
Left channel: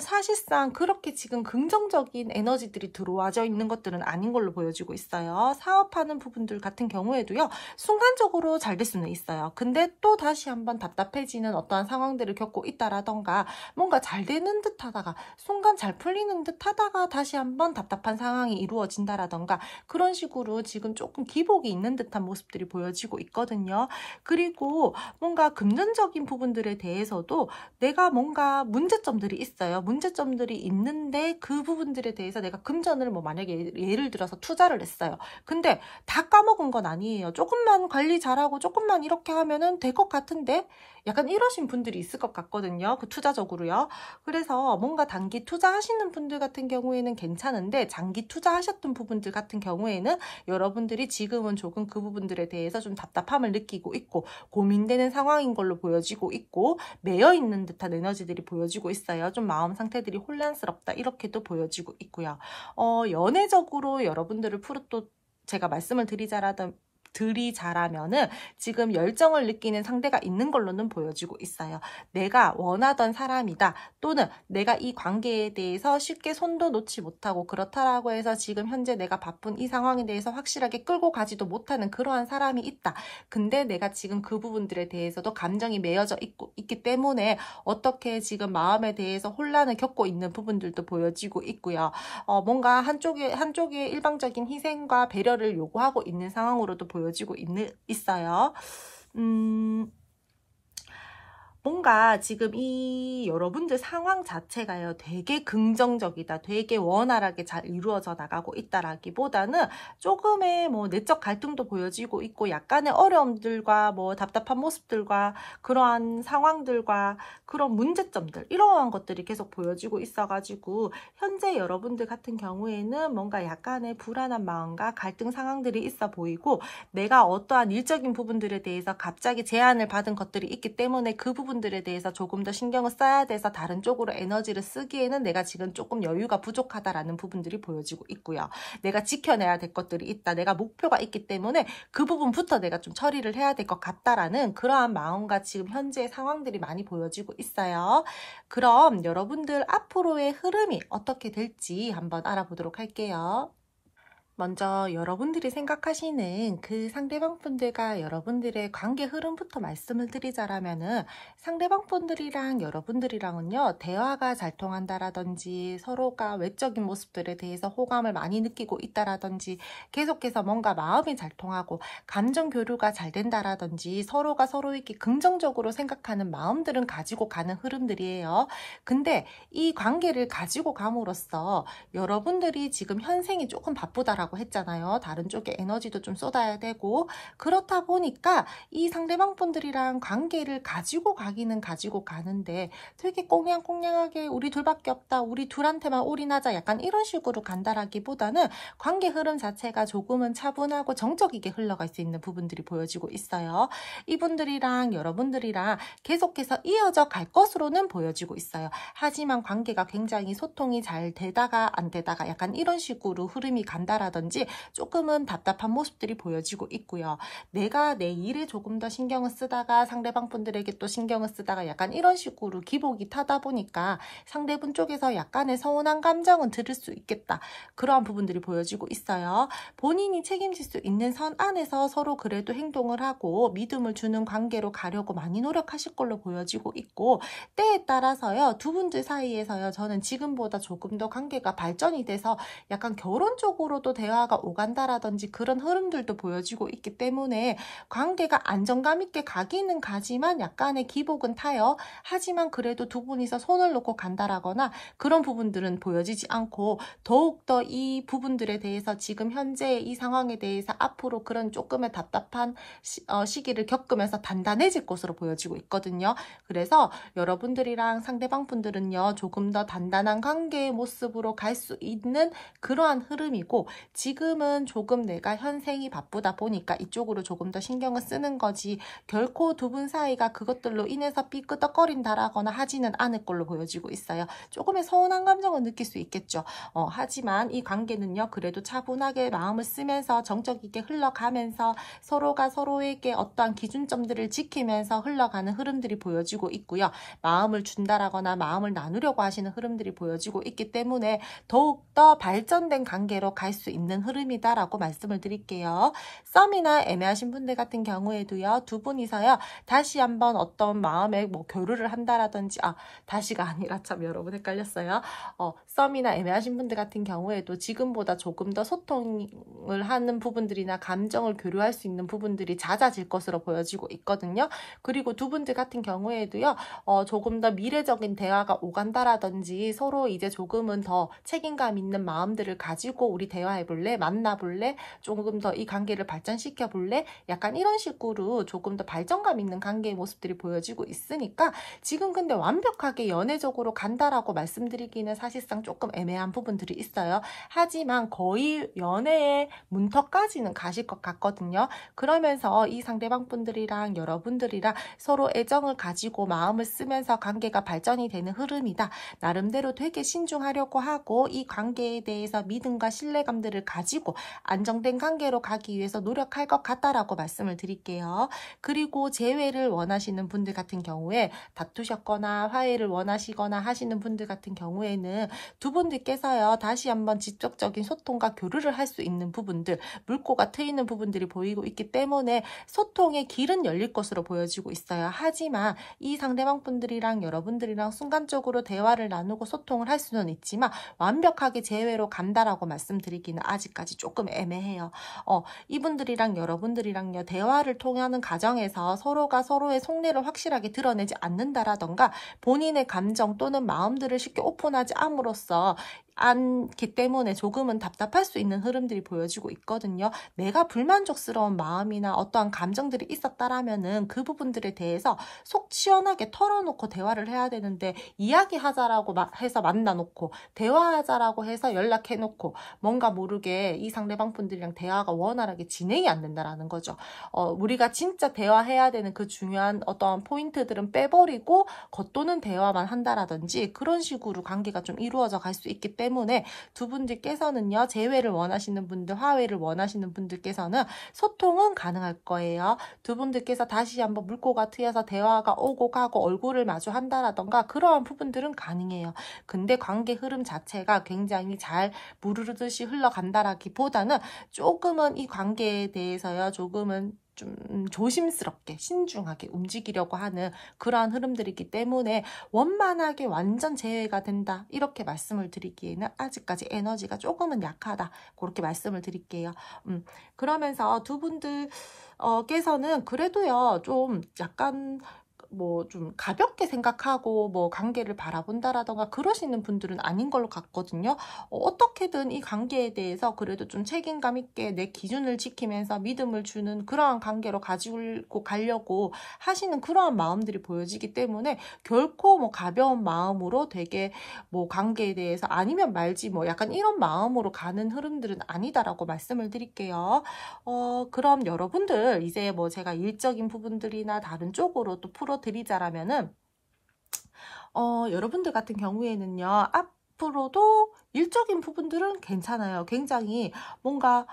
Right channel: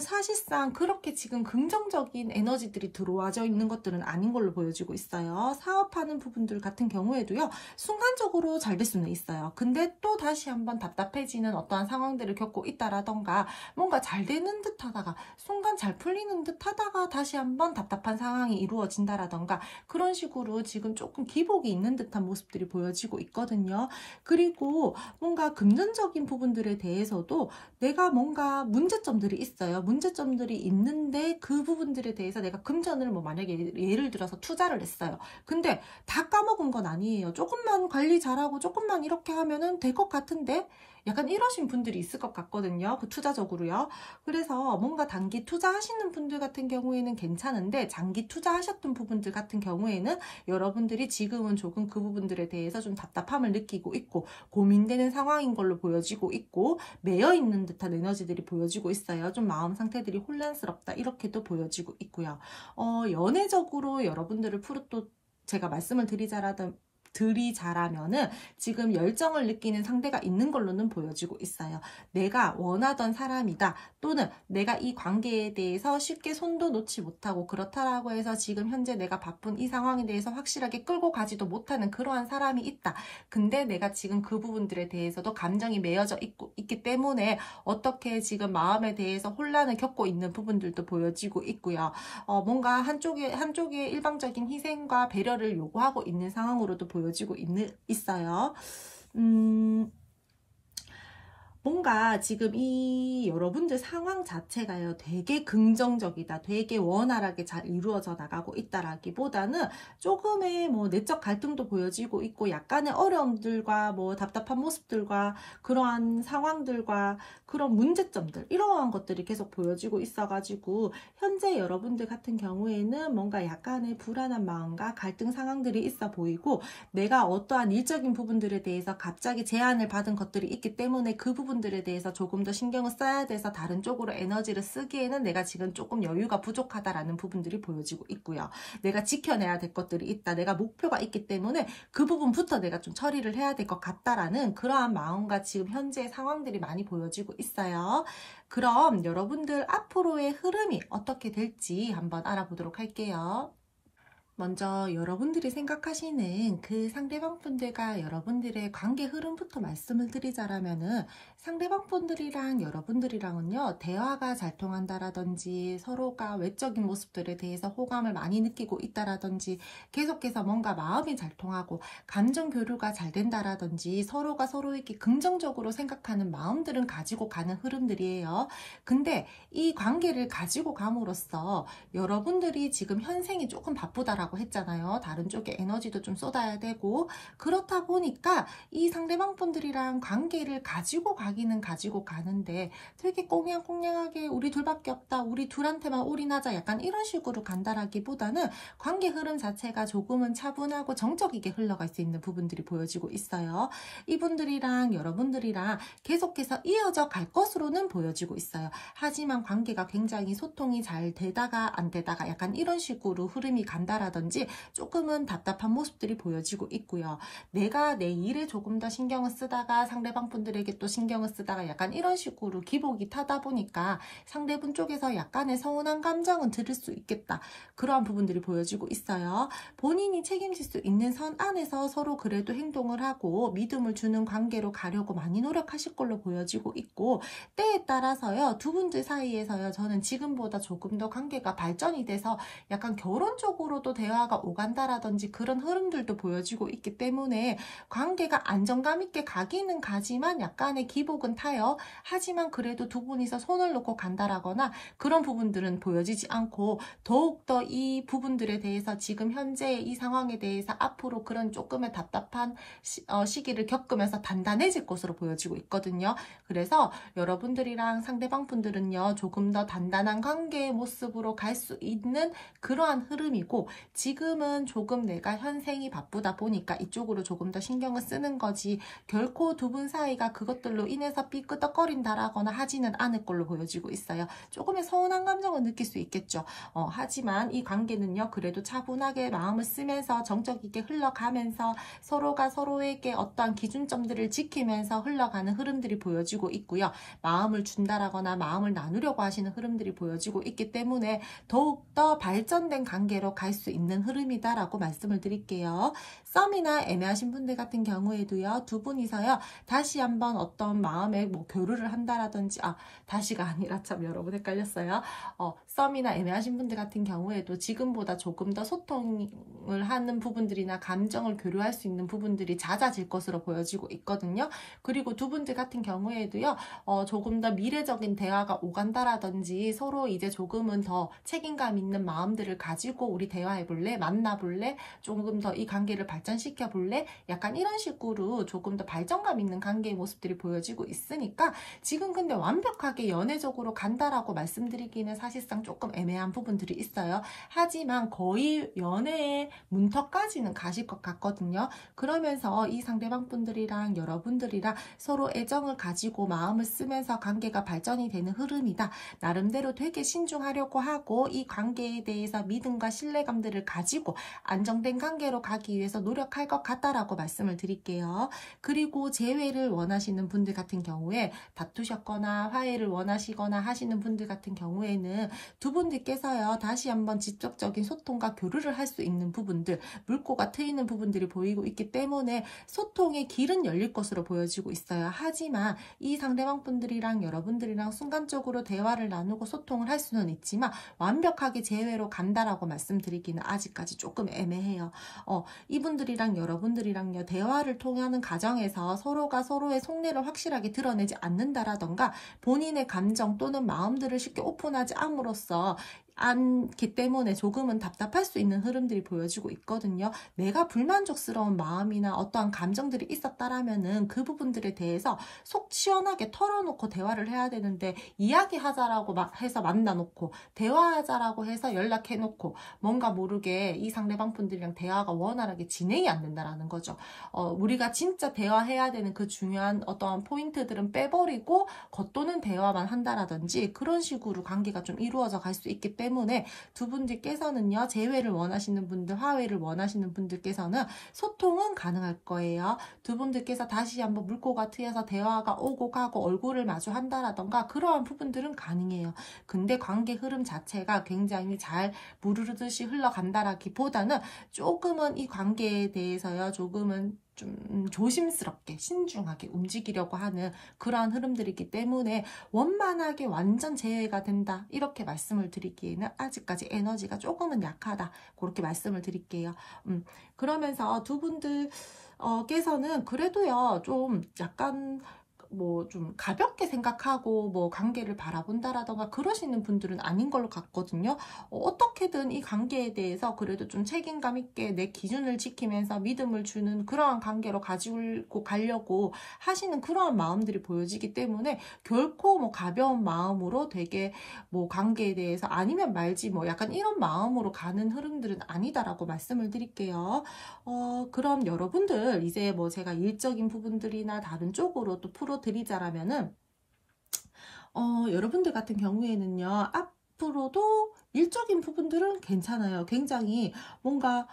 사실상 그렇게 지금 긍정적인 에너지들이 들어와져 있는 것들은 아닌 걸로 보여지고 있어요. 사업하는 부분들 같은 경우에도요. 순간적으로 잘 될 수는 있어요. 근데 또 다시 한번 답답해지는 어떠한 상황들을 겪고 있다라던가 뭔가 잘 되는 듯 하다가 순간 잘 풀리는 듯 하다가 다시 한번 답답한 상황이 이루어진다라던가 그런 식으로 지금 조금 기복이 있는 듯한 모습들이 보여지고 있거든요. 그리고 뭔가 금전적인 부분들에 대해서도 내가 뭔가 문제점들이 있어요. 문제점들이 있는데 그 부분들에 대해서 내가 금전을 뭐 만약에 예를 들어서 투자를 했어요. 근데 다 까먹은 건 아니에요. 조금만 관리 잘하고 조금만 이렇게 하면은 될 것 같은데 약간 이러신 분들이 있을 것 같거든요. 그 투자적으로요. 그래서 뭔가 단기 투자하시는 분들 같은 경우에는 괜찮은데 장기 투자하셨던 부분들 같은 경우에는 여러분들이 지금은 조금 그 부분들에 대해서 좀 답답함을 느끼고 있고 고민되는 상황인 걸로 보여지고 있고 매여 있는 듯한 에너지들이 보여지고 있어요. 좀 마음 상태들이 혼란스럽다 이렇게도 보여지고 있고요. 연애적으로 여러분들을 또 제가 말씀을 드리자라면은 지금 열정을 느끼는 상대가 있는 걸로는 보여지고 있어요. 내가 원하던 사람이다. 또는 내가 이 관계에 대해서 쉽게 손도 놓지 못하고 그렇다라고 해서 지금 현재 내가 바쁜 이 상황에 대해서 확실하게 끌고 가지도 못하는 그러한 사람이 있다. 근데 내가 지금 그 부분들에 대해서도 감정이 매여져 있기 때문에 어떻게 지금 마음에 대해서 혼란을 겪고 있는 부분들도 보여지고 있고요. 뭔가 한쪽에 일방적인 희생과 배려를 요구하고 있는 상황으로도 보여지고 있어요. 뭔가 지금 이 여러분들 상황 자체가요 되게 긍정적이다, 되게 원활하게 잘 이루어져 나가고 있다라기보다는 조금의 뭐 내적 갈등도 보여지고 있고 약간의 어려움들과 뭐 답답한 모습들과 그러한 상황들과 그런 문제점들 이러한 것들이 계속 보여지고 있어가지고 현재 여러분들 같은 경우에는 뭔가 약간의 불안한 마음과 갈등 상황들이 있어 보이고 내가 어떠한 일적인 부분들에 대해서 갑자기 제안을 받은 것들이 있기 때문에 그 부분들에 대해서 조금 더 신경을 써야 돼서 다른 쪽으로 에너지를 쓰기에는 내가 지금 조금 여유가 부족하다라는 부분들이 보여지고 있고요. 내가 지켜내야 될 것들이 있다. 내가 목표가 있기 때문에 그 부분부터 내가 좀 처리를 해야 될 것 같다라는 그러한 마음과 지금 현재 상황들이 많이 보여지고 있어요. 그럼 여러분들 앞으로의 흐름이 어떻게 될지 한번 알아보도록 할게요. 먼저 여러분들이 생각하시는 그 상대방 분들과 여러분들의 관계 흐름부터 말씀을 드리자라면은 상대방 분들이랑 여러분들이랑은요 대화가 잘 통한다라든지 서로가 외적인 모습들에 대해서 호감을 많이 느끼고 있다라든지 계속해서 뭔가 마음이 잘 통하고 감정 교류가 잘 된다라든지 서로가 서로에게 긍정적으로 생각하는 마음들은 가지고 가는 흐름들이에요. 근데 이 관계를 가지고 감으로써 여러분들이 지금 현생이 조금 바쁘다라고 했잖아요. 다른 쪽에 에너지도 좀 쏟아야 되고 그렇다 보니까 이 상대방 분들이랑 관계를 가지고 가기는 가지고 가는데 되게 꽁냥꽁냥하게 우리 둘밖에 없다. 우리 둘한테만 올인하자. 약간 이런 식으로 간다라기보다는 관계 흐름 자체가 조금은 차분하고 정적이게 흘러갈 수 있는 부분들이 보여지고 있어요. 이분들이랑 여러분들이랑 계속해서 이어져 갈 것으로는 보여지고 있어요. 하지만 관계가 굉장히 소통이 잘 되다가 안 되다가 약간 이런 식으로 흐름이 간다라든지 조금은 답답한 모습들이 보여지고 있고요. 내가 내 일에 조금 더 신경을 쓰다가 상대방 분들에게 또 신경을 쓰다가 약간 이런 식으로 기복이 타다 보니까 상대분 쪽에서 약간의 서운한 감정은 들을 수 있겠다. 그러한 부분들이 보여지고 있어요. 본인이 책임질 수 있는 선 안에서 서로 그래도 행동을 하고 믿음을 주는 관계로 가려고 많이 노력하실 걸로 보여지고 있고 때에 따라서요. 두 분들 사이에서요. 저는 지금보다 조금 더 관계가 발전이 돼서 약간 결혼 쪽으로도 대화가 오간다라든지 그런 흐름들도 보여지고 있기 때문에 관계가 안정감 있게 가기는 가지만 약간의 기복은 타요. 하지만 그래도 두 분이서 손을 놓고 간다라거나 그런 부분들은 보여지지 않고 더욱더 이 부분들에 대해서 지금 현재 이 상황에 대해서 앞으로 그런 조금의 답답한 시기를 겪으면서 단단해질 것으로 보여지고 있거든요. 그래서 여러분들이랑 상대방 분들은요, 조금 더 단단한 관계의 모습으로 갈 수 있는 그러한 흐름이고, 지금은 조금 내가 현생이 바쁘다 보니까 이쪽으로 조금 더 신경을 쓰는 거지 결코 두 분 사이가 그것들로 인해서 삐끄덕거린다라거나 하지는 않을 걸로 보여지고 있어요. 조금의 서운한 감정을 느낄 수 있겠죠. 하지만 이 관계는요, 그래도 차분하게 마음을 쓰면서 정적 있게 흘러가면서 서로가 서로에게 어떠한 기준점들을 지키면서 흘러가는 흐름들이 보여지고 있고요. 마음을 준다라거나 마음을 나누려고 하시는 흐름들이 보여지고 있기 때문에 더욱더 발전된 관계로 갈 수 있는 흐름이다라고 말씀을 드릴게요. 썸이나 애매하신 분들 같은 경우에도요, 두 분이서요, 다시 한번 어떤 마음에 뭐 교류를 한다라든지, 다시가 아니라 참 여러분 헷갈렸어요. 썸이나 애매하신 분들 같은 경우에도 지금보다 조금 더 소통을 하는 부분들이나 감정을 교류할 수 있는 부분들이 잦아질 것으로 보여지고 있거든요. 그리고 두 분들 같은 경우에도요, 조금 더 미래적인 대화가 오간다라든지 서로 이제 조금은 더 책임감 있는 마음들을 가지고 우리 대화해볼래? 만나볼래? 조금 더 이 관계를 발전시켜볼래? 약간 이런 식으로 조금 더 발전감 있는 관계의 모습들이 보여지고 있으니까 지금 근데 완벽하게 연애적으로 간다라고 말씀드리기는 사실상 조금 애매한 부분들이 있어요. 하지만 거의 연애의 문턱까지는 가실 것 같거든요. 그러면서 이 상대방 분들이랑 여러분들이랑 서로 애정을 가지고 마음을 쓰면서 관계가 발전이 되는 흐름이다. 나름대로 되게 신중하려고 하고 이 관계에 대해서 믿음과 신뢰감들을 가지고 안정된 관계로 가기 위해서 노력할 것 같다라고 말씀을 드릴게요. 그리고 재회를 원하시는 분들 같은 경우에 다투셨거나 화해를 원하시거나 하시는 분들 같은 경우에는 두 분들께서요, 다시 한번 직접적인 소통과 교류를 할 수 있는 부분들, 물꼬가 트이는 부분들이 보이고 있기 때문에 소통의 길은 열릴 것으로 보여지고 있어요. 하지만 이 상대방 분들이랑 여러분들이랑 순간적으로 대화를 나누고 소통을 할 수는 있지만 완벽하게 재회로 간다라고 말씀드리기는 아직까지 조금 애매해요. 이분들이랑 여러분들이랑요, 대화를 통하는 과정에서 서로가 서로의 속내를 확실하게 드러내지 않는다라던가 본인의 감정 또는 마음들을 쉽게 오픈하지 않음으로써 않기 때문에 조금은 답답할 수 있는 흐름들이 보여지고 있거든요. 내가 불만족스러운 마음이나 어떠한 감정들이 있었다라면은 그 부분들에 대해서 속 시원하게 털어놓고 대화를 해야 되는데 이야기하자라고 해서 만나놓고 대화하자라고 해서 연락해놓고 뭔가 모르게 이 상대방 분들이랑 대화가 원활하게 진행이 안 된다라는 거죠. 우리가 진짜 대화해야 되는 그 중요한 어떠한 포인트들은 빼버리고 겉도는 대화만 한다라든지 그런 식으로 관계가 좀 이루어져 갈 수 있기 때문에 두 분들께서는요, 재회를 원하시는 분들, 화해를 원하시는 분들께서는 소통은 가능할 거예요. 두 분들께서 다시 한번 물꼬가 트여서 대화가 오고 가고 얼굴을 마주 한다라던가 그러한 부분들은 가능해요. 근데 관계 흐름 자체가 굉장히 잘 무르르듯이 흘러간다라기보다는 조금은 이 관계에 대해서요, 조금은 좀 조심스럽게 신중하게 움직이려고 하는 그러한 흐름들이기 때문에 원만하게 완전 재해가 된다 이렇게 말씀을 드리기에는 아직까지 에너지가 조금은 약하다 그렇게 말씀을 드릴게요. 그러면서 두 분들 께서는 그래도요 좀 약간 뭐 좀 가볍게 생각하고 뭐 관계를 바라본다라던가 그러시는 분들은 아닌 걸로 같거든요. 어떻게든 이 관계에 대해서 그래도 좀 책임감 있게 내 기준을 지키면서 믿음을 주는 그러한 관계로 가지고 가려고 하시는 그러한 마음들이 보여지기 때문에 결코 뭐 가벼운 마음으로 되게 뭐 관계에 대해서 아니면 말지 뭐 약간 이런 마음으로 가는 흐름들은 아니다라고 말씀을 드릴게요. 그럼 여러분들 이제 뭐 제가 일적인 부분들이나 다른 쪽으로 또 풀어드리자라면은 여러분들 같은 경우에는요, 앞으로도 일적인 부분들은 괜찮아요. 굉장히 뭔가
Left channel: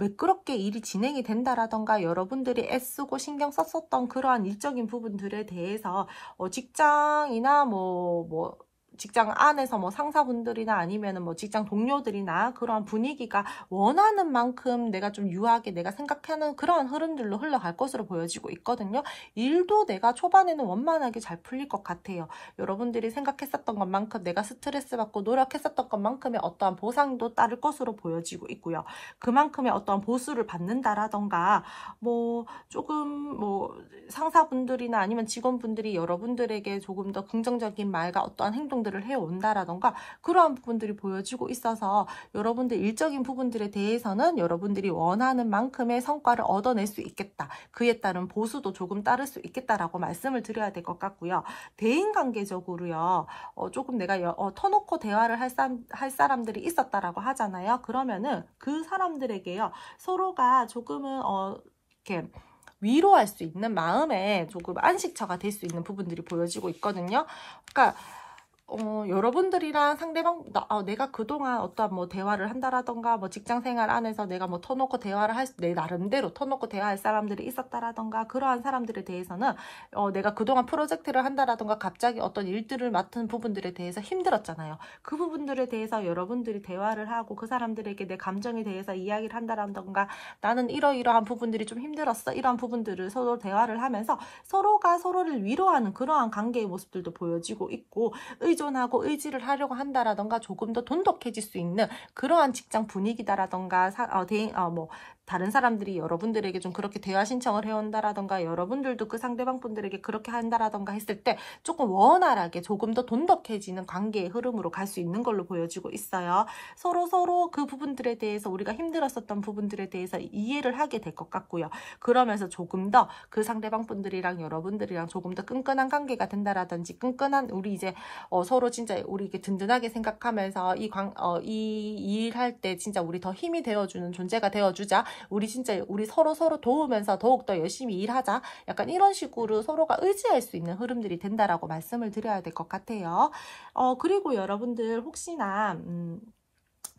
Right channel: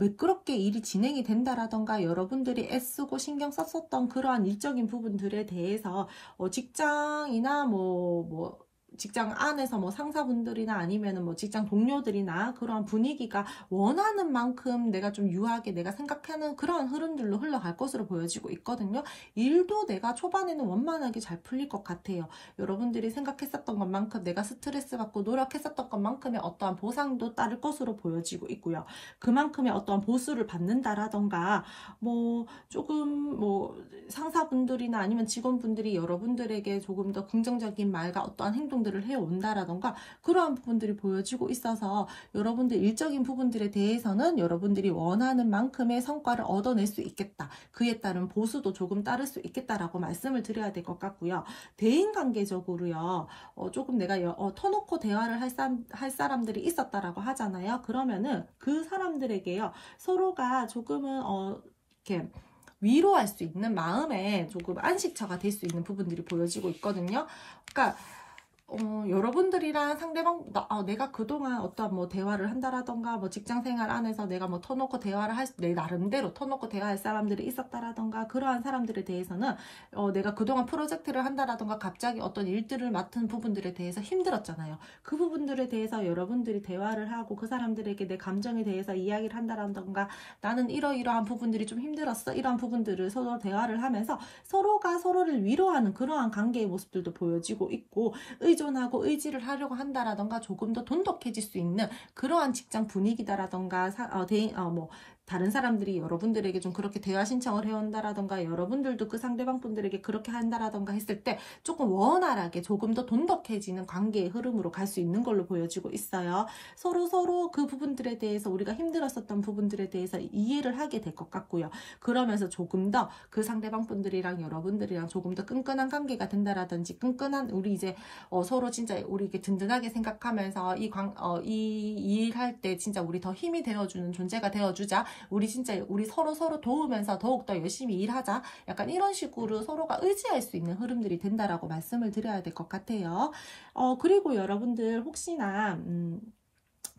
매끄럽게 일이 진행이 된다라던가 여러분들이 애쓰고 신경 썼었던 그러한 일적인 부분들에 대해서 직장이나 뭐 직장 안에서 뭐 상사분들이나 아니면은 뭐 직장 동료들이나 그러한 분위기가 원하는 만큼 내가 좀 유하게 내가 생각하는 그러한 흐름들로 흘러갈 것으로 보여지고 있거든요. 일도 내가 초반에는 원만하게 잘 풀릴 것 같아요. 여러분들이 생각했었던 것만큼 내가 스트레스 받고 노력했었던 것만큼의 어떠한 보상도 따를 것으로 보여지고 있고요. 그만큼의 어떠한 보수를 받는다라던가 뭐 조금 뭐 상사분들이나 아니면 직원분들이 여러분들에게 조금 더 긍정적인 말과 어떠한 행동들을 해온다라던가 그러한 부분들이 보여지고 있어서 여러분들 일적인 부분들에 대해서는 여러분들이 원하는 만큼의 성과를 얻어낼 수 있겠다. 그에 따른 보수도 조금 따를 수 있겠다라고 말씀을 드려야 될 것 같고요. 대인관계적으로요. 조금 내가 터놓고 대화를 할 사람들이 있었다라고 하잖아요. 그러면은 그 사람들에게요. 서로가 조금은 이렇게 위로할 수 있는 마음에 조금 안식처가 될 수 있는 부분들이 보여지고 있거든요. 그러니까 여러분들이랑 상대방, 내가 그동안 어떠한 뭐 대화를 한다라던가, 뭐 직장 생활 안에서 내가 뭐 터놓고 대화를 내 나름대로 터놓고 대화할 사람들이 있었다라던가, 그러한 사람들에 대해서는, 내가 그동안 프로젝트를 한다라던가, 갑자기 어떤 일들을 맡은 부분들에 대해서 힘들었잖아요. 그 부분들에 대해서 여러분들이 대화를 하고, 그 사람들에게 내 감정에 대해서 이야기를 한다라던가, 나는 이러이러한 부분들이 좀 힘들었어. 이러한 부분들을 서로 대화를 하면서 서로가 서로를 위로하는 그러한 관계의 모습들도 보여지고 있고, 의존하고 의지를 하려고 한다라던가 조금 더 돈독해질 수 있는 그러한 직장 분위기다라던가 뭐 다른 사람들이 여러분들에게 좀 그렇게 대화 신청을 해온다라던가 여러분들도 그 상대방 분들에게 그렇게 한다라던가 했을 때 조금 원활하게 조금 더 돈독해지는 관계의 흐름으로 갈 수 있는 걸로 보여지고 있어요. 서로 그 부분들에 대해서 우리가 힘들었었던 부분들에 대해서 이해를 하게 될 것 같고요. 그러면서 조금 더 그 상대방 분들이랑 여러분들이랑 조금 더 끈끈한 관계가 된다라든지 끈끈한 우리 이제 서로 진짜 우리 이렇게 든든하게 생각하면서 이 일할 때 진짜 우리 더 힘이 되어주는 존재가 되어주자. 우리 진짜 우리 서로 도우면서 더욱더 열심히 일하자. 약간 이런 식으로 서로가 의지할 수 있는 흐름들이 된다라고 말씀을 드려야 될 것 같아요. 그리고 여러분들 혹시나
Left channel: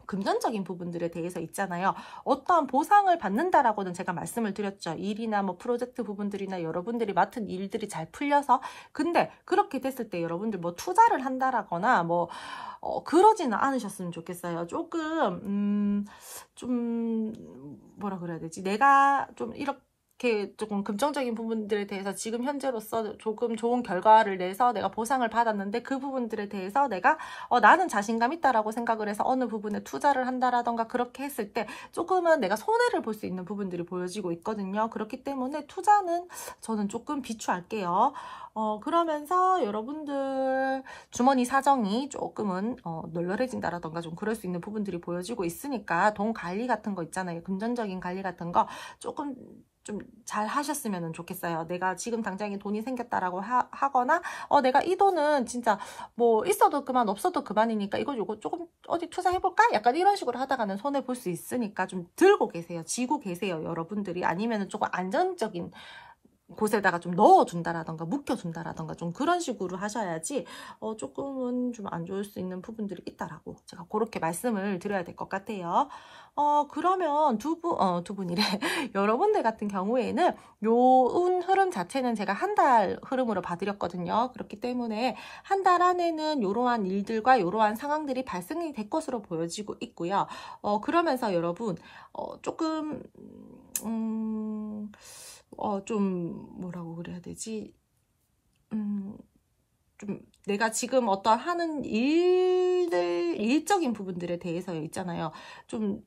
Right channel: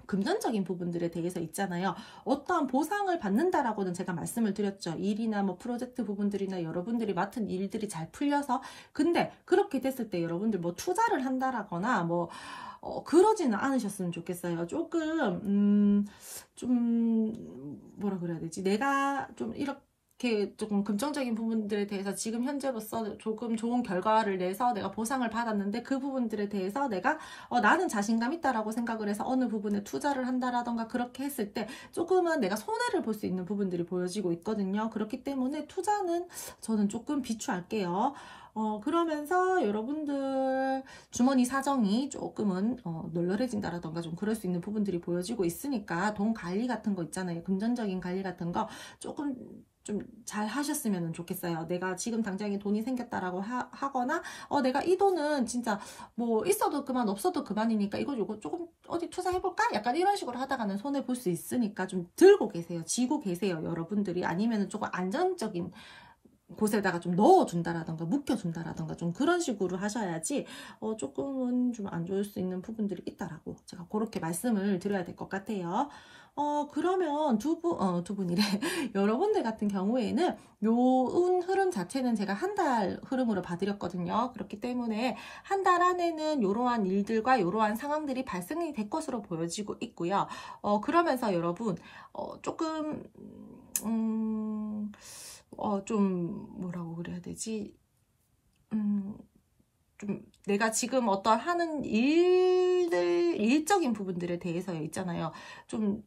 금전적인 부분들에 대해서 있잖아요. 어떠한 보상을 받는다라고는 제가 말씀을 드렸죠. 일이나 뭐 프로젝트 부분들이나 여러분들이 맡은 일들이 잘 풀려서 근데 그렇게 됐을 때 여러분들 뭐 투자를 한다라거나 뭐 그러지는 않으셨으면 좋겠어요. 조금 좀 뭐라 그래야 되지? 내가 좀 이렇게 조금 긍정적인 부분들에 대해서 지금 현재로서 조금 좋은 결과를 내서 내가 보상을 받았는데 그 부분들에 대해서 내가 나는 자신감 있다라고 생각을 해서 어느 부분에 투자를 한다라던가 그렇게 했을 때 조금은 내가 손해를 볼 수 있는 부분들이 보여지고 있거든요. 그렇기 때문에 투자는 저는 조금 비추할게요. 그러면서 여러분들 주머니 사정이 조금은 널널해진다라던가 좀 그럴 수 있는 부분들이 보여지고 있으니까 돈 관리 같은 거 있잖아요. 금전적인 관리 같은 거 조금 좀 잘 하셨으면 좋겠어요. 내가 지금 당장에 돈이 생겼다라고 하거나 내가 이 돈은 진짜 뭐 있어도 그만 없어도 그만이니까 이거 조금 어디 투자해볼까? 약간 이런 식으로 하다가는 손해 볼 수 있으니까 좀 들고 계세요. 쥐고 계세요. 여러분들이 아니면은 조금 안정적인 곳에다가 좀 넣어준다라던가 묵혀준다라던가 좀 그런 식으로 하셔야지 조금은 좀 안 좋을 수 있는 부분들이 있다라고 제가 그렇게 말씀을 드려야 될 것 같아요. 그러면 두 분이래. 여러분들 같은 경우에는 요 흐름 자체는 제가 한 달 흐름으로 봐드렸거든요. 그렇기 때문에 한 달 안에는 이러한 일들과 이러한 상황들이 발생이 될 것으로 보여지고 있고요. 그러면서 여러분 조금 좀 뭐라고 그래야 되지? 좀 내가 지금 어떤 하는 일적인 부분들에 대해서 있잖아요. 좀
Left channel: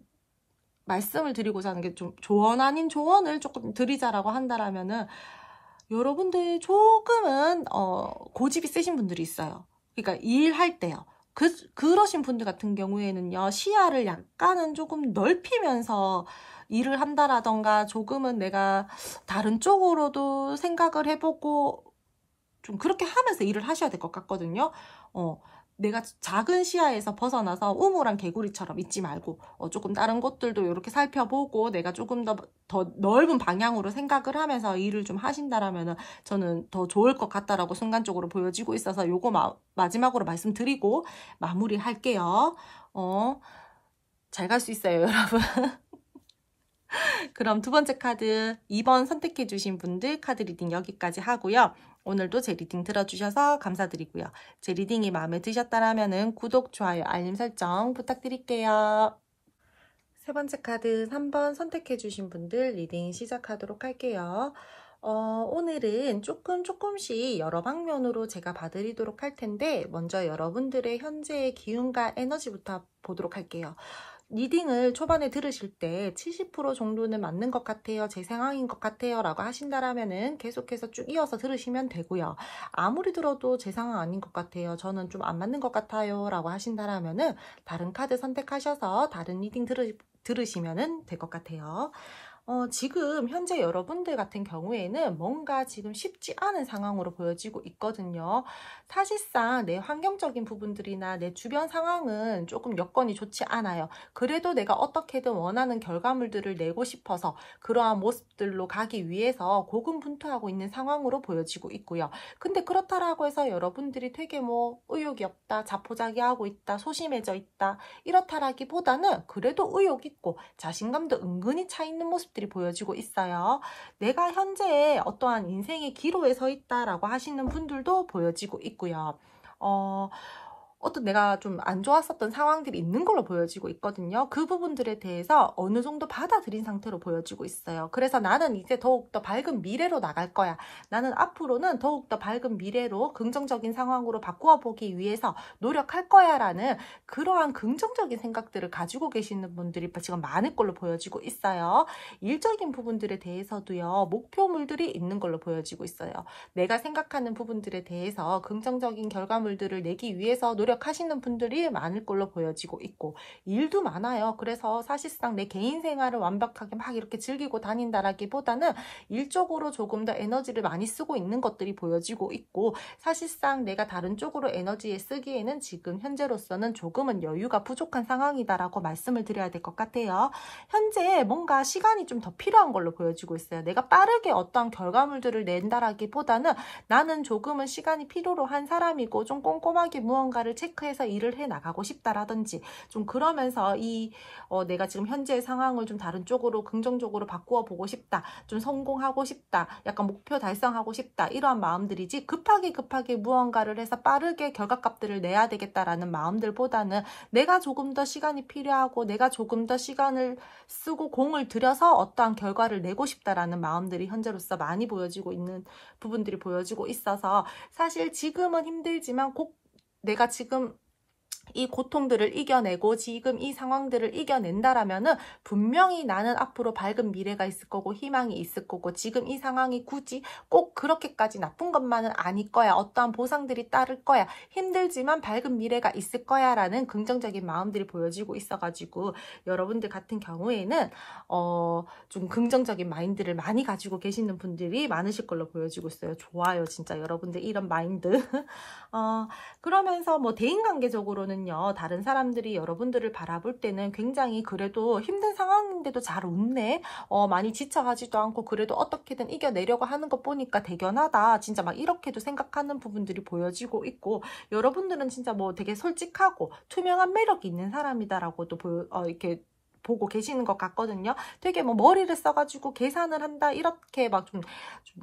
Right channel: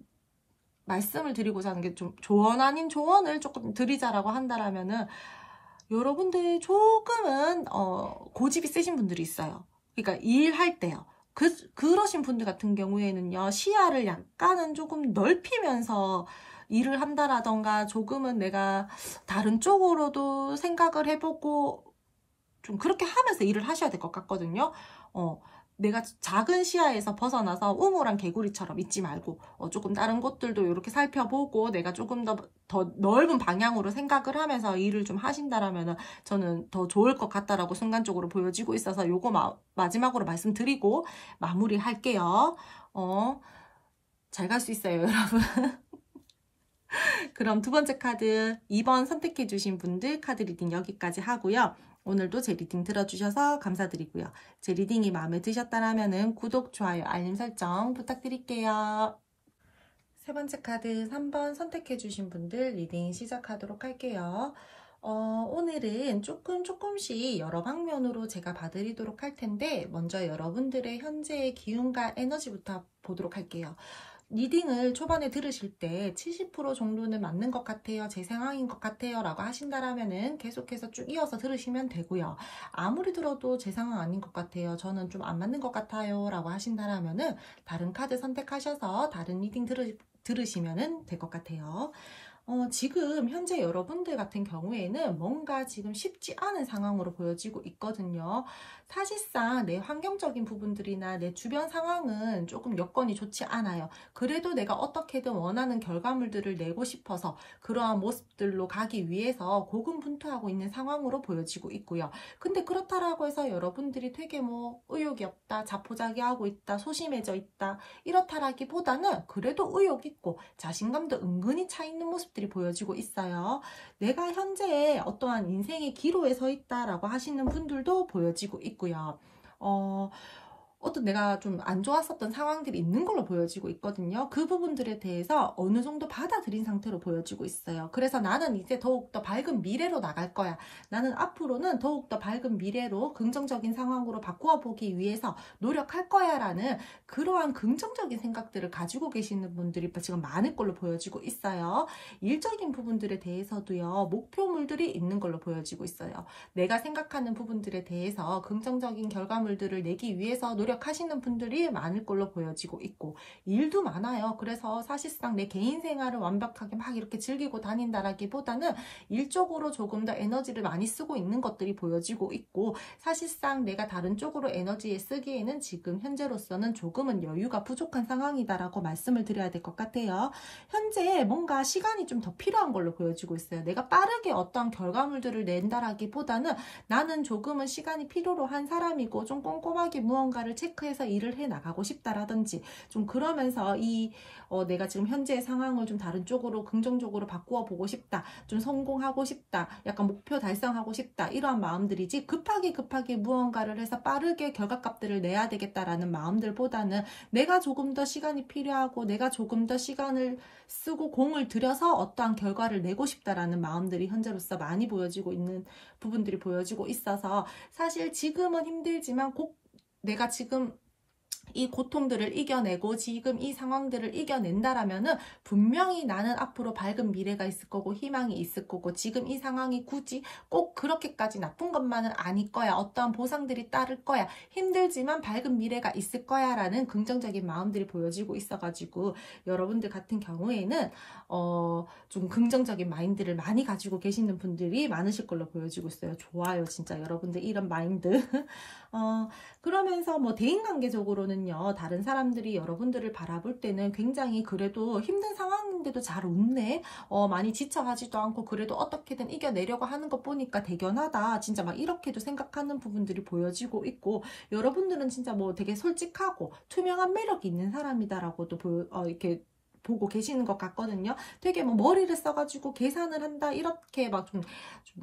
말씀을 드리고자 하는 게 좀 조언 아닌 조언을 조금 드리자라고 한다라면은 여러분들 조금은 고집이 세신 분들이 있어요. 그러니까 일할 때요. 그러신 분들 같은 경우에는요. 시야를 약간은 조금 넓히면서 일을 한다라던가 조금은 내가 다른 쪽으로도 생각을 해보고 좀 그렇게 하면서 일을 하셔야 될 것 같거든요. 내가 작은 시야에서 벗어나서 우물한 개구리처럼 있지 말고 조금 다른 곳들도 이렇게 살펴보고 내가 조금 더 넓은 방향으로 생각을 하면서 일을 좀 하신다라면 저는 더 좋을 것 같다라고 순간적으로 보여지고 있어서 요거 마지막으로 말씀드리고 마무리할게요. 잘 갈 수 있어요, 여러분. 그럼 두 번째 카드 2번 선택해 주신 분들 카드 리딩 여기까지 하고요. 오늘도 제 리딩 들어주셔서 감사드리고요. 제 리딩이 마음에 드셨다면 구독, 좋아요, 알림 설정 부탁드릴게요. 세 번째 카드 3번 선택해주신 분들 리딩 시작하도록 할게요. 오늘은 조금씩 여러 방면으로 제가 봐드리도록 할 텐데 먼저 여러분들의 현재의 기운과 에너지부터 보도록 할게요. 리딩을 초반에 들으실 때 70% 정도는 맞는 것 같아요. 제 상황인 것 같아요. 라고 하신다라면은 계속해서 쭉 이어서 들으시면 되고요. 아무리 들어도 제 상황 아닌 것 같아요. 저는 좀 안 맞는 것 같아요. 라고 하신다라면은 다른 카드 선택하셔서 다른 리딩 들으시면 될 것 같아요. 지금 현재 여러분들 같은 경우에는 뭔가 지금 쉽지 않은 상황으로 보여지고 있거든요. 사실상 내 환경적인 부분들이나 내 주변 상황은 조금 여건이 좋지 않아요. 그래도 내가 어떻게든 원하는 결과물들을 내고 싶어서 그러한 모습들로 가기 위해서 고군분투하고 있는 상황으로 보여지고 있고요. 근데 그렇다라고 해서 여러분들이 되게 뭐 의욕이 없다, 자포자기하고 있다, 소심해져 있다 이렇다라기보다는 그래도 의욕 있고 자신감도 은근히 차 있는 모습들이 보여지고 있어요. 내가 현재 어떠한 인생의 기로에 서 있다라고 하시는 분들도 보여지고 있고요. 어떤 내가 좀 안 좋았었던 상황들이 있는 걸로 보여지고 있거든요. 그 부분들에 대해서 어느 정도 받아들인 상태로 보여지고 있어요. 그래서 나는 이제 더욱더 밝은 미래로 나갈 거야. 나는 앞으로는 더욱더 밝은 미래로 긍정적인 상황으로 바꾸어 보기 위해서 노력할 거야 라는 그러한 긍정적인 생각들을 가지고 계시는 분들이 지금 많을 걸로 보여지고 있어요. 일적인 부분들에 대해서도요. 목표물들이 있는 걸로 보여지고 있어요. 내가 생각하는 부분들에 대해서 긍정적인 결과물들을 내기 위해서 노력하시는 분들이 많을 걸로 보여지고 있고 일도 많아요. 그래서 사실상 내 개인 생활을 완벽하게 막 이렇게 즐기고 다닌다라기보다는 일적으로 조금 더 에너지를 많이 쓰고 있는 것들이 보여지고 있고 사실상 내가 다른 쪽으로 에너지에 쓰기에는 지금 현재로서는 조금은 여유가 부족한 상황이다라고 말씀을 드려야 될 것 같아요. 현재 뭔가 시간이 좀 더 필요한 걸로 보여지고 있어요. 내가 빠르게 어떤 결과물들을 낸다라기보다는 나는 조금은 시간이 필요로 한 사람이고 좀 꼼꼼하게 무언가를 체크해서 일을 해 나가고 싶다라든지 좀 그러면서 내가 지금 현재의 상황을 좀 다른 쪽으로 긍정적으로 바꾸어 보고 싶다. 좀 성공하고 싶다. 약간 목표 달성하고 싶다. 이러한 마음들이지 급하게 무언가를 해서 빠르게 결과값들을 내야 되겠다라는 마음들보다는 내가 조금 더 시간이 필요하고 내가 조금 더 시간을 쓰고 공을 들여서 어떠한 결과를 내고 싶다라는 마음들이 현재로서 많이 보여지고 있는 부분들이 보여지고 있어서 사실 지금은 힘들지만 꼭 내가 지금 이 고통들을 이겨내고 지금 이 상황들을 이겨낸다라면은 분명히 나는 앞으로 밝은 미래가 있을 거고 희망이 있을 거고 지금 이 상황이 굳이 꼭 그렇게까지 나쁜 것만은 아닐 거야. 어떠한 보상들이 따를 거야. 힘들지만 밝은 미래가 있을 거야 라는 긍정적인 마음들이 보여지고 있어가지고 여러분들 같은 경우에는 좀 긍정적인 마인드를 많이 가지고 계시는 분들이 많으실 걸로 보여지고 있어요. 좋아요. 진짜 여러분들 이런 마인드. 그러면서 뭐 대인관계적으로는요. 다른 사람들이 여러분들을 바라볼 때는 굉장히 그래도 힘든 상황인데도 잘 웃네. 많이 지쳐가지도 않고 그래도 어떻게든 이겨내려고 하는 거 보니까 대견하다. 진짜 막 이렇게도 생각하는 부분들이 보여지고 있고 여러분들은 진짜 뭐 되게 솔직하고 투명한 매력이 있는 사람이다라고도 이렇게 보고 계시는 것 같거든요. 되게 뭐 머리를 써가지고 계산을 한다 이렇게 막 좀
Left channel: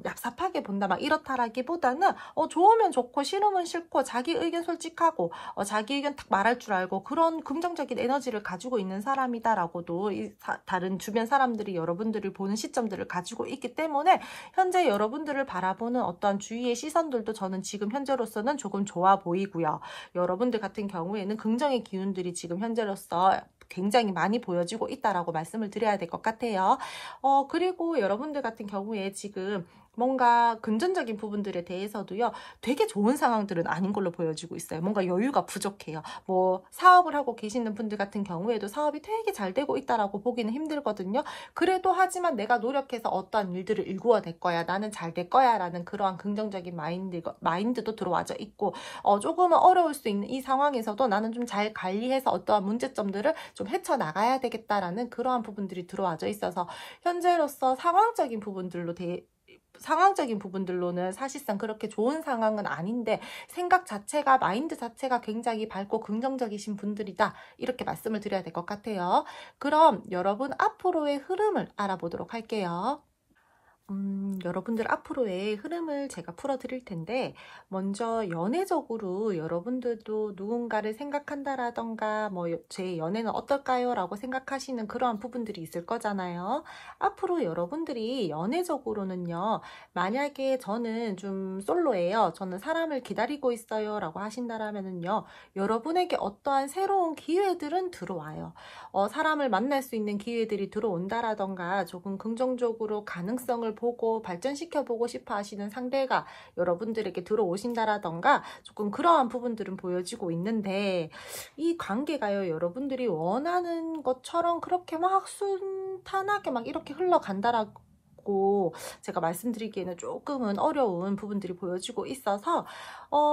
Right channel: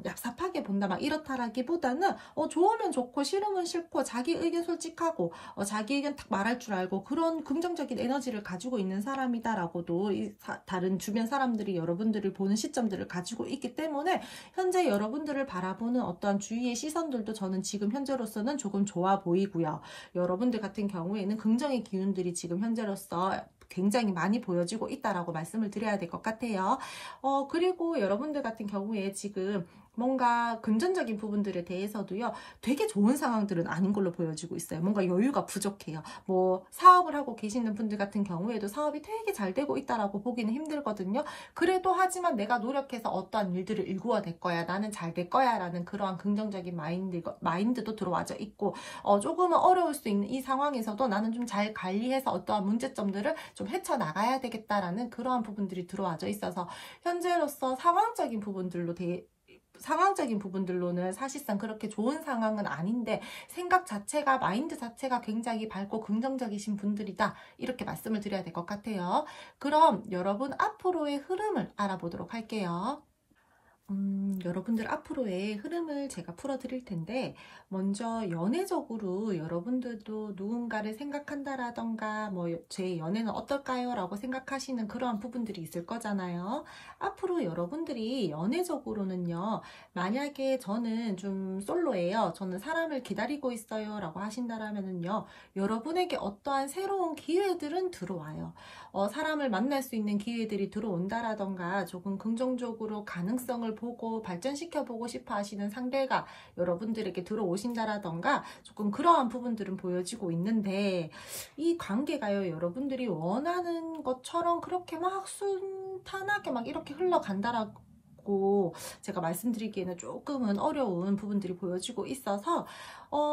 얍삽하게 본다 막 이렇다라기보다는 좋으면 좋고 싫으면 싫고 자기 의견 솔직하고 자기 의견 딱 말할 줄 알고 그런 긍정적인 에너지를 가지고 있는 사람이다라고도 다른 주변 사람들이 여러분들을 보는 시점들을 가지고 있기 때문에 현재 여러분들을 바라보는 어떠한 주위의 시선들도 저는 지금 현재로서는 조금 좋아 보이고요. 여러분들 같은 경우에는 긍정의 기운들이 지금 현재로서 굉장히 많이 보여지고 있다라고 말씀을 드려야 될 것 같아요. 그리고 여러분들 같은 경우에 지금 뭔가 금전적인 부분들에 대해서도요. 되게 좋은 상황들은 아닌 걸로 보여지고 있어요. 뭔가 여유가 부족해요. 뭐 사업을 하고 계시는 분들 같은 경우에도 사업이 되게 잘 되고 있다라고 보기는 힘들거든요. 그래도 하지만 내가 노력해서 어떠한 일들을 일구어낼 거야. 나는 잘 될 거야. 라는 그러한 긍정적인 마인드도 들어와져 있고 조금은 어려울 수 있는 이 상황에서도 나는 좀 잘 관리해서 어떠한 문제점들을 좀 헤쳐나가야 되겠다라는 그러한 부분들이 들어와져 있어서 현재로서 상황적인 부분들로는 사실상 그렇게 좋은 상황은 아닌데 생각 자체가 마인드 자체가 굉장히 밝고 긍정적이신 분들이다 이렇게 말씀을 드려야 될 것 같아요. 그럼 여러분 앞으로의 흐름을 알아보도록 할게요. 여러분들 앞으로의 흐름을 제가 풀어드릴 텐데, 먼저 연애적으로 여러분들도 누군가를 생각한다라던가, 뭐, 제 연애는 어떨까요? 라고 생각하시는 그러한 부분들이 있을 거잖아요. 앞으로 여러분들이 연애적으로는요, 만약에 저는 좀 솔로예요. 저는 사람을 기다리고 있어요. 라고 하신다라면은요, 여러분에게 어떠한 새로운 기회들은 들어와요. 사람을 만날 수 있는 기회들이 들어온다라던가 조금 긍정적으로 가능성을 보고 발전시켜 보고 싶어 하시는 상대가 여러분들에게 들어오신다라던가 조금 그러한 부분들은 보여지고 있는데, 이 관계가요, 여러분들이 원하는 것처럼 그렇게 막 순탄하게 막 이렇게 흘러간다라고 제가 말씀드리기에는 조금은 어려운 부분들이 보여지고 있어서,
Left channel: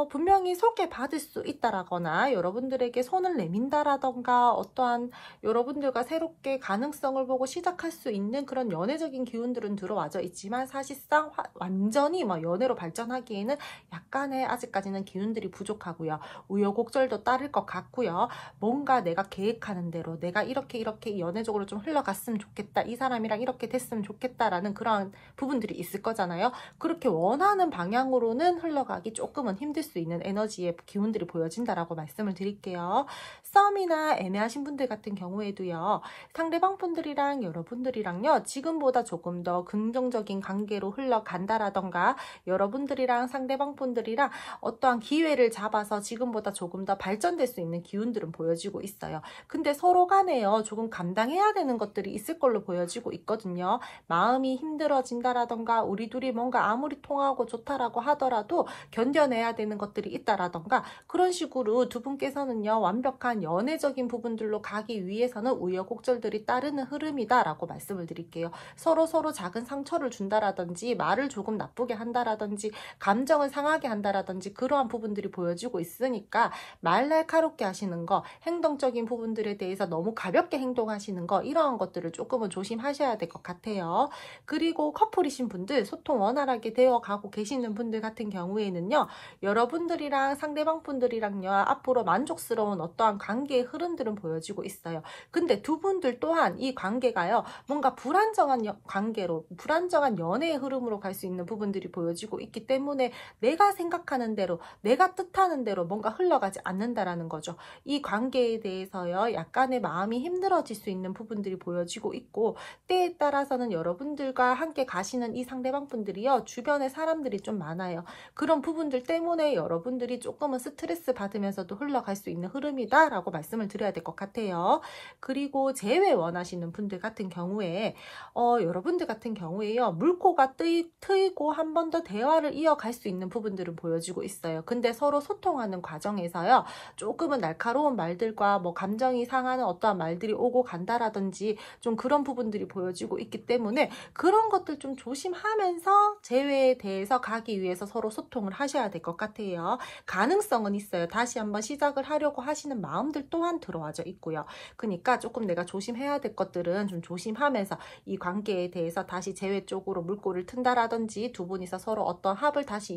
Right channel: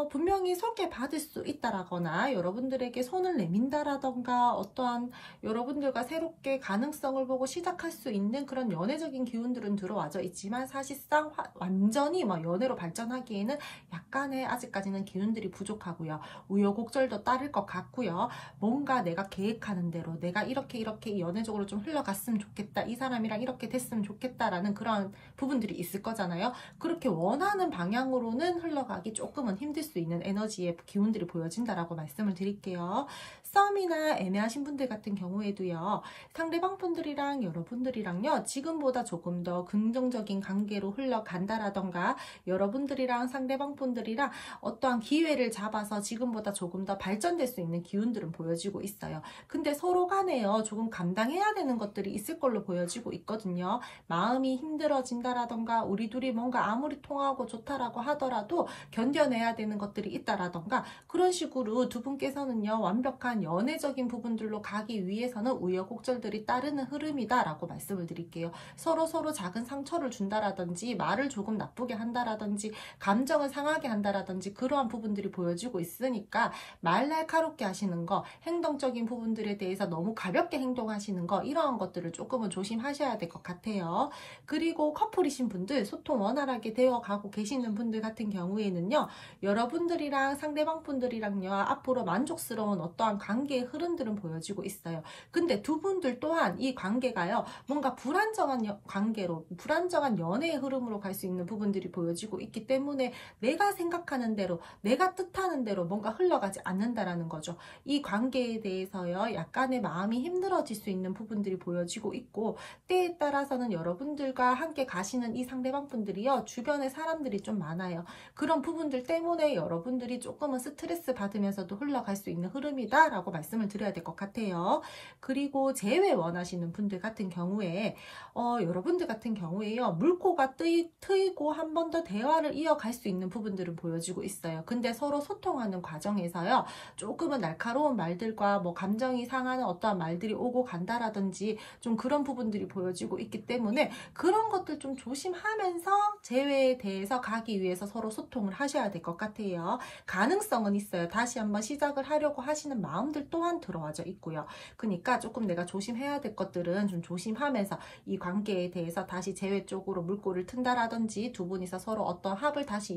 분명히 소개받을 수 있다라거나 여러분들에게 손을 내민다라던가 어떠한 여러분들과 새롭게 가능성을 보고 시작할 수 있는 그런 연애적인 기운들은 들어와져 있지만, 사실상 완전히 뭐 연애로 발전하기에는 약간의 아직까지는 기운들이 부족하고요. 우여곡절도 따를 것 같고요. 뭔가 내가 계획하는 대로 내가 이렇게 연애적으로 좀 흘러갔으면 좋겠다, 이 사람이랑 이렇게 됐으면 좋겠다라는 그런 부분들이 있을 거잖아요. 그렇게 원하는 방향으로는 흘러가기 조금은 힘들 수 있는 에너지의 기운들이 보여진다라고 말씀을 드릴게요. 싸움이나 애매하신 분들 같은 경우에도요, 상대방 분들이랑 여러분들이랑요, 지금보다 조금 더 긍정적인 관계로 흘러간다라던가 여러분들이랑 상대방 분들이랑 어떠한 기회를 잡아서 지금보다 조금 더 발전될 수 있는 기운들은 보여지고 있어요. 근데 서로 간에요, 조금 감당해야 되는 것들이 있을 걸로 보여지고 있거든요. 마음이 힘들어진다라던가 우리 둘이 뭔가 아무리 통하고 좋다라고 하더라도 견뎌내야 되는 것들이 있다라던가, 그런 식으로 두 분께서는요, 완벽한 연애적인 부분들로 가기 위해서는 우여곡절들이 따르는 흐름이다라고 말씀을 드릴게요. 서로 작은 상처를 준다라든지 말을 조금 나쁘게 한다라든지 감정을 상하게 한다라든지 그러한 부분들이 보여지고 있으니까, 말 날카롭게 하시는 거, 행동적인 부분들에 대해서 너무 가볍게 행동하시는 거, 이러한 것들을 조금은 조심하셔야 될 것 같아요. 그리고 커플이신 분들, 소통 원활하게 되어 가고 계시는 분들 같은 경우에는요, 여러분들이랑 상대방 분들이랑요, 앞으로 만족스러운 어떠한 관계의 흐름들은 보여지고 있어요. 근데 두 분들 또한 이 관계가요, 뭔가 불안정한 관계로, 불안정한 연애의 흐름으로 갈 수 있는 부분들이 보여지고 있기 때문에 내가 생각하는 대로, 내가 뜻하는 대로 뭔가 흘러가지 않는다라는 거죠. 이 관계에 대해서요, 약간의 마음이 힘들어질 수 있는 부분들이 보여지고 있고, 때에 따라서는 여러분들과 함께 가시는 이 상대방 분들이요, 주변에 사람들이 좀 많아요. 그런 부분들 때문에 여러분들이 조금은 스트레스 받으면서도 흘러갈 수 있는 흐름이다 라고 말씀을 드려야 될 것 같아요. 그리고 재회 원하시는 분들 같은 경우에 여러분들 같은 경우에요, 물꼬가 트이고 한 번 더 대화를 이어갈 수 있는 부분들은 보여지고 있어요. 근데 서로 소통하는 과정에서요, 조금은 날카로운 말들과 뭐 감정이 상하는 어떠한 말들이 오고 간다라든지 좀 그런 부분들이 보여지고 있기 때문에, 그런 것들 좀 조심하면서 재회에 대해서 가기 위해서 서로 소통을 하셔야 될 것 같아요. 가능성은 있어요. 다시 한번 시작을 하려고 하시는 마음들 또한 들어와져 있고요. 그러니까 조금 내가 조심해야 될 것들은 좀 조심하면서 이 관계에 대해서 다시 재회 쪽으로 물꼬를 튼다라든지, 두 분이서 서로 어떤 합을 다시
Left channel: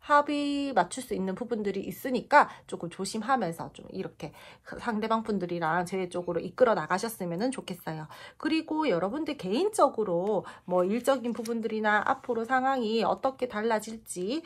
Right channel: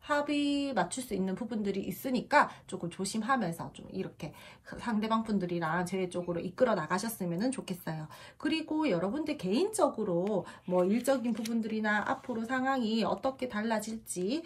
합의 맞출 수 있는 부분들이 있으니까 조금 조심하면서 좀 이렇게 상대방 분들이랑 재회 쪽으로 이끌어 나가셨으면 좋겠어요. 그리고 여러분들 개인적으로 뭐 일적인 부분들이나 앞으로 상황이 어떻게 달라질지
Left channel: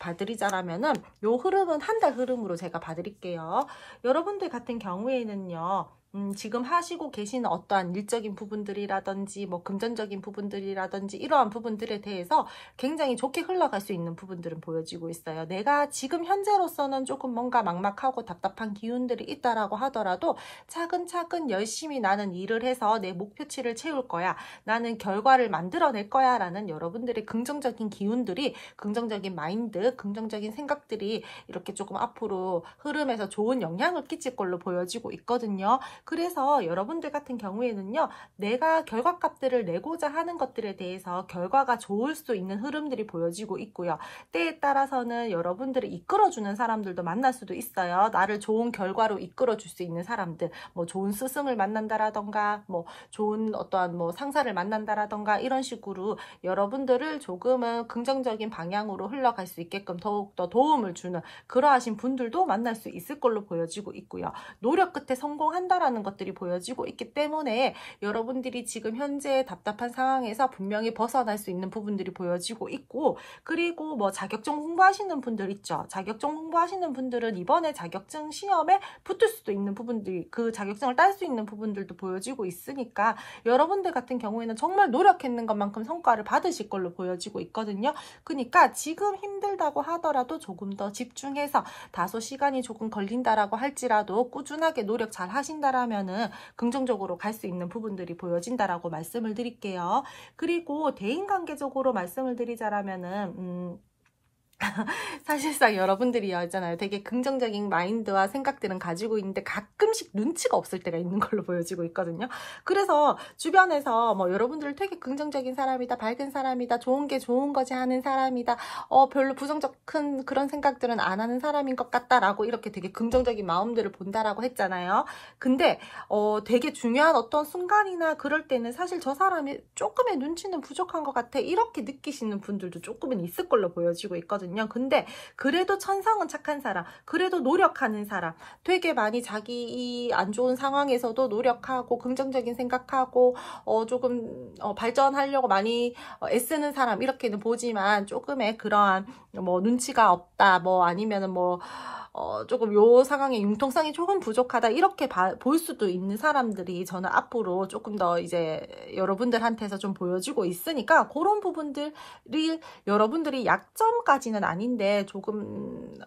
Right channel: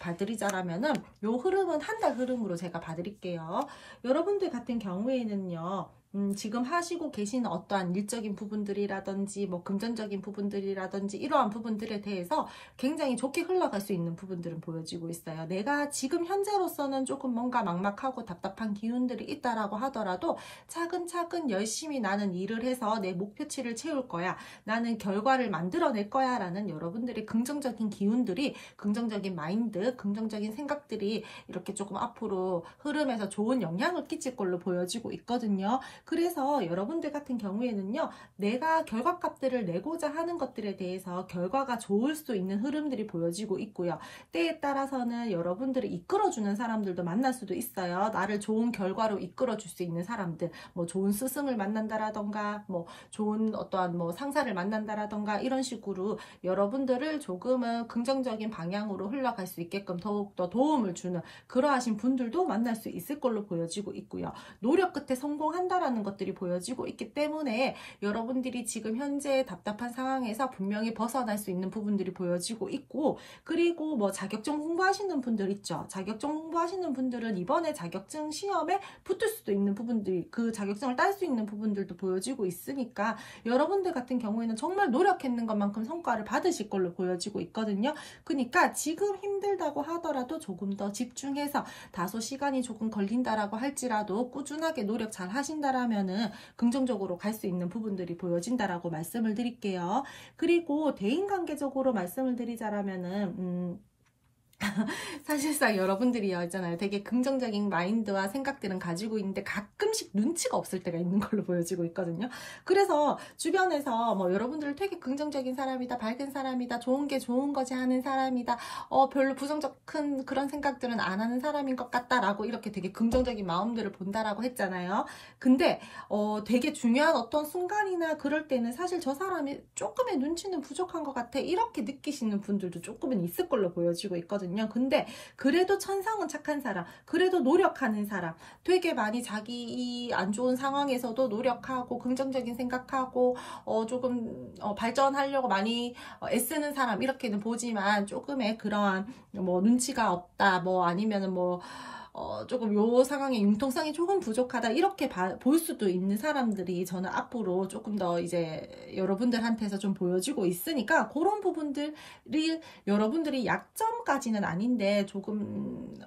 봐드리자라면은, 요 흐름은 한 달 흐름으로 제가 봐드릴게요. 여러분들 같은 경우에는요, 지금 하시고 계시는 어떠한 일적인 부분들이라든지 뭐 금전적인 부분들이라든지 이러한 부분들에 대해서 굉장히 좋게 흘러갈 수 있는 부분들은 보여지고 있어요. 내가 지금 현재로서는 조금 뭔가 막막하고 답답한 기운들이 있다라고 하더라도 차근차근 열심히 나는 일을 해서 내 목표치를 채울 거야, 나는 결과를 만들어낼 거야 라는 여러분들의 긍정적인 기운들이, 긍정적인 마인드, 긍정적인 생각들이 이렇게 조금 앞으로 흐름에서 좋은 영향을 끼칠 걸로 보여지고 있거든요. 그래서 여러분들 같은 경우에는요, 내가 결과값들을 내고자 하는 것들에 대해서 결과가 좋을 수 있는 흐름들이 보여지고 있고요. 때에 따라서는 여러분들을 이끌어주는 사람들도 만날 수도 있어요. 나를 좋은 결과로 이끌어줄 수 있는 사람들, 뭐 좋은 스승을 만난다라던가, 뭐 좋은 어떠한 뭐 상사를 만난다라던가, 이런 식으로 여러분들을 조금은 긍정적인 방향으로 흘러갈 수 있게끔 더욱더 도움을 주는 그러하신 분들도 만날 수 있을 걸로 보여지고 있고요. 노력 끝에 성공한다라는 하는 것들이 보여지고 있기 때문에 여러분들이 지금 현재 답답한 상황에서 분명히 벗어날 수 있는 부분들이 보여지고 있고, 그리고 뭐 자격증 공부하시는 분들 있죠. 자격증 공부하시는 분들은 이번에 자격증 시험에 붙을 수도 있는 부분들, 그 자격증을 딸 수 있는 부분들도 보여지고 있으니까 여러분들 같은 경우에는 정말 노력했는 것만큼 성과를 받으실 걸로 보여지고 있거든요. 그러니까 지금 힘들다고 하더라도 조금 더 집중해서, 다소 시간이 조금 걸린다라고 할지라도 꾸준하게 노력 잘 하신다라면은 긍정적으로 갈 수 있는 부분들이 보여진다라고 말씀을 드릴게요. 그리고 대인관계적으로 말씀을 드리자라면은 사실상 여러분들이 있잖아요. 되게 긍정적인 마인드와 생각들은 가지고 있는데 가끔씩 눈치가 없을 때가 있는 걸로 보여지고 있거든요. 그래서 주변에서 뭐 여러분들을 되게 긍정적인 사람이다, 밝은 사람이다, 좋은 게 좋은 거지 하는 사람이다, 별로 부정적 큰 그런 생각들은 안 하는 사람인 것 같다라고 이렇게 되게 긍정적인 마음들을 본다라고 했잖아요. 근데 되게 중요한 어떤 순간이나 그럴 때는 사실 저 사람이 조금의 눈치는 부족한 것 같아 이렇게 느끼시는 분들도 조금은 있을 걸로 보여지고 있거든요. 근데 그래도 천성은 착한 사람, 그래도 노력하는 사람, 되게 많이 자기 안 좋은 상황에서도 노력하고 긍정적인 생각하고 조금 발전하려고 많이 애쓰는 사람 이렇게는 보지만, 조금의 그러한 뭐 눈치가 없다, 뭐 아니면은 뭐 조금 요 상황의 융통성이 조금 부족하다 이렇게 볼 수도 있는 사람들이 저는 앞으로 조금 더 이제 여러분들한테서 좀 보여지고 있으니까, 그런 부분들이 여러분들이 약점까지는 아닌데 조금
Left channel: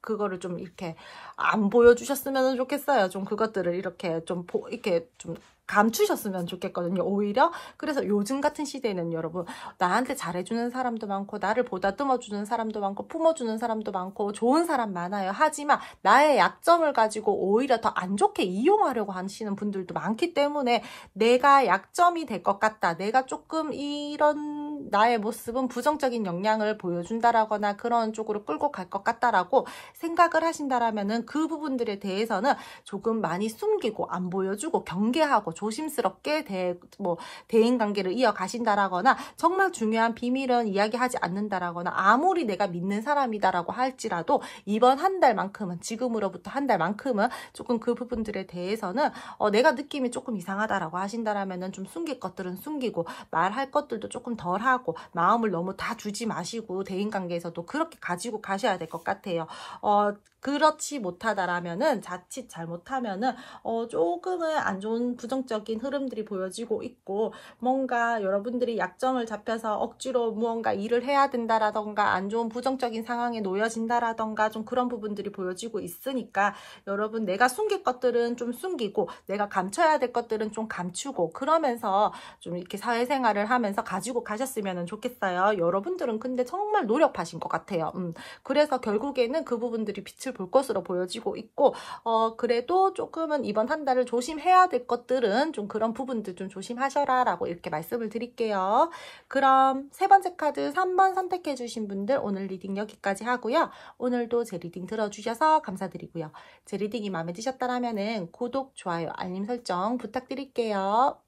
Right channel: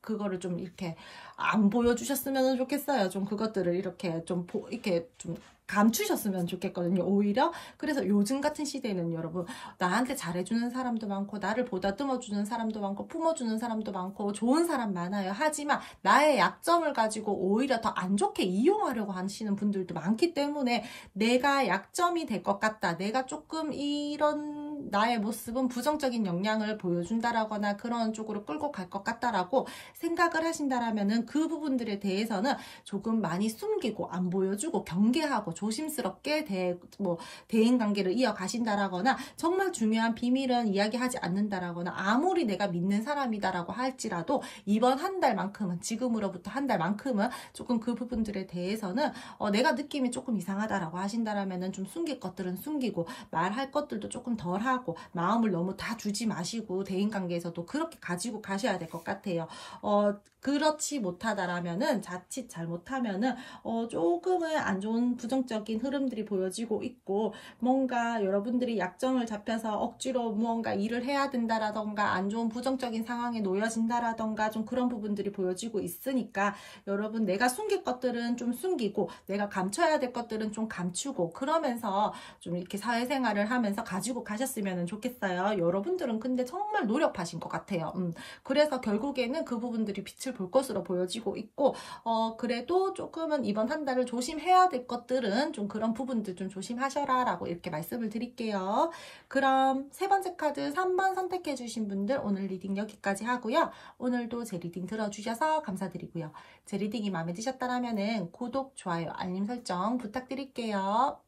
그거를 좀 이렇게 안 보여주셨으면 좋겠어요. 좀 그것들을 이렇게 이렇게 좀 감추셨으면 좋겠거든요, 오히려. 그래서 요즘 같은 시대에는 여러분, 나한테 잘해주는 사람도 많고, 나를 보다듬어주는 사람도 많고, 품어주는 사람도 많고, 좋은 사람 많아요. 하지만 나의 약점을 가지고 오히려 더 안 좋게 이용하려고 하시는 분들도 많기 때문에, 내가 약점이 될 것 같다, 내가 조금 이런 나의 모습은 부정적인 영향을 보여준다라거나 그런 쪽으로 끌고 갈 것 같다라고 생각을 하신다라면은, 그 부분들에 대해서는 조금 많이 숨기고 안 보여주고 경계하고 조심스럽게 대인관계를 이어가신다라거나, 정말 중요한 비밀은 이야기하지 않는다라거나, 아무리 내가 믿는 사람이다라고 할지라도 이번 한 달만큼은, 지금으로부터 한 달만큼은 조금 그 부분들에 대해서는 내가 느낌이 조금 이상하다라고 하신다라면은 좀 숨길 것들은 숨기고, 말할 것들도 조금 덜 하고, 마음을 너무 다 주지 마시고, 대인관계에서도 그렇게 가지고 가셔야 될 것 같아요. 그렇지 못하다라면은, 자칫 잘못하면은 조금은 안 좋은 부정적인 흐름들이 보여지고 있고, 뭔가 여러분들이 약점을 잡혀서 억지로 무언가 일을 해야 된다라던가, 안 좋은 부정적인 상황에 놓여진다라던가, 좀 그런 부분들이 보여지고 있으니까, 여러분 내가 숨길 것들은 좀 숨기고, 내가 감춰야 될 것들은 좀 감추고, 그러면서 좀 이렇게 사회생활을 하면서 가지고 가셨으면 좋겠어요. 여러분들은 근데 정말 노력하신 것 같아요. 그래서 결국에는 그 부분들이 빛을 볼 것으로 보여지고 있고, 그래도 조금은 이번 한 달을 조심해야 될 것들은 좀 그런 부분들 좀 조심하셔라 라고 이렇게 말씀을 드릴게요. 그럼 세 번째 카드 3번 선택해 주신 분들 오늘 리딩 여기까지 하고요. 오늘도 제 리딩 들어주셔서 감사드리고요. 제 리딩이 마음에 드셨다면 구독, 좋아요, 알림 설정 부탁드릴게요.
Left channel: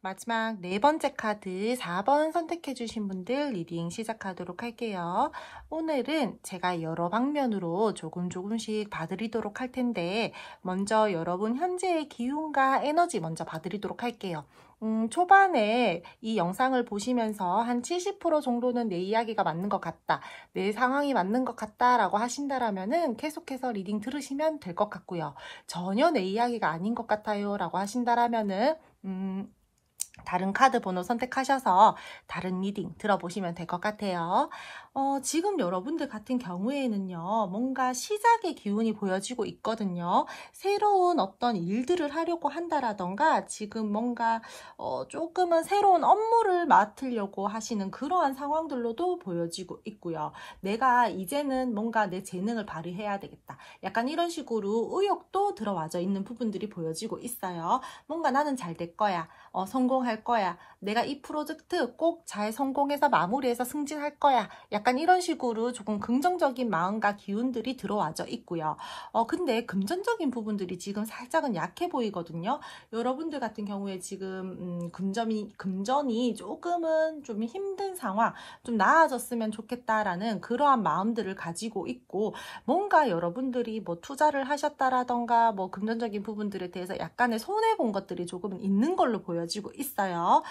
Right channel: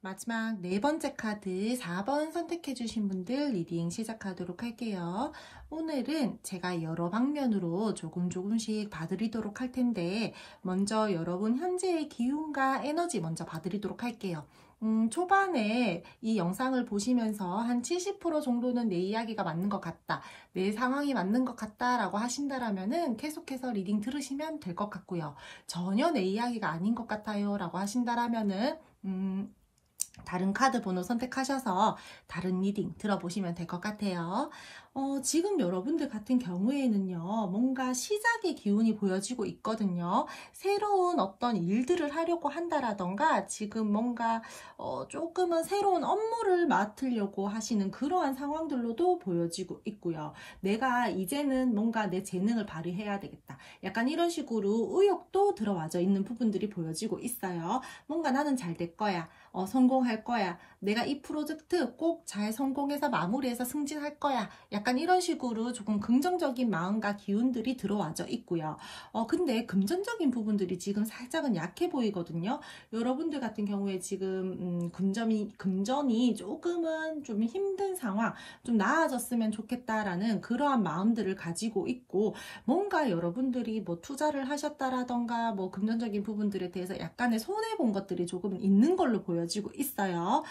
마지막 네 번째 카드 4번 선택해 주신 분들 리딩 시작하도록 할게요. 오늘은 제가 여러 방면으로 조금씩 봐드리도록 할 텐데, 먼저 여러분 현재의 기운과 에너지 먼저 봐드리도록 할게요. 초반에 이 영상을 보시면서 한 70% 정도는 내 이야기가 맞는 것 같다, 내 상황이 맞는 것 같다 라고 하신다라면은 계속해서 리딩 들으시면 될 것 같고요. 전혀 내 이야기가 아닌 것 같아요 라고 하신다라면은 다른 카드 번호 선택하셔서 다른 리딩 들어보시면 될 것 같아요. 지금 여러분들 같은 경우에는요, 뭔가 시작의 기운이 보여지고 있거든요. 새로운 어떤 일들을 하려고 한다라던가, 지금 뭔가 조금은 새로운 업무를 맡으려고 하시는 그러한 상황들로도 보여지고 있고요. 내가 이제는 뭔가 내 재능을 발휘해야 되겠다, 약간 이런 식으로 의욕도 들어와져 있는 부분들이 보여지고 있어요. 뭔가 나는 잘 될 거야, 성공할 거야, 내가 이 프로젝트 꼭 잘 성공해서 마무리해서 승진할 거야, 약간 약간 이런 식으로 조금 긍정적인 마음과 기운들이 들어와져 있고요. 근데 금전적인 부분들이 지금 살짝은 약해 보이거든요. 여러분들 같은 경우에 지금 금전이 조금은 좀 힘든 상황, 좀 나아졌으면 좋겠다라는 그러한 마음들을 가지고 있고, 뭔가 여러분들이 뭐 투자를 하셨다라던가 뭐 금전적인 부분들에 대해서 약간의 손해 본 것들이 조금 있는 걸로 보여지고 있어요.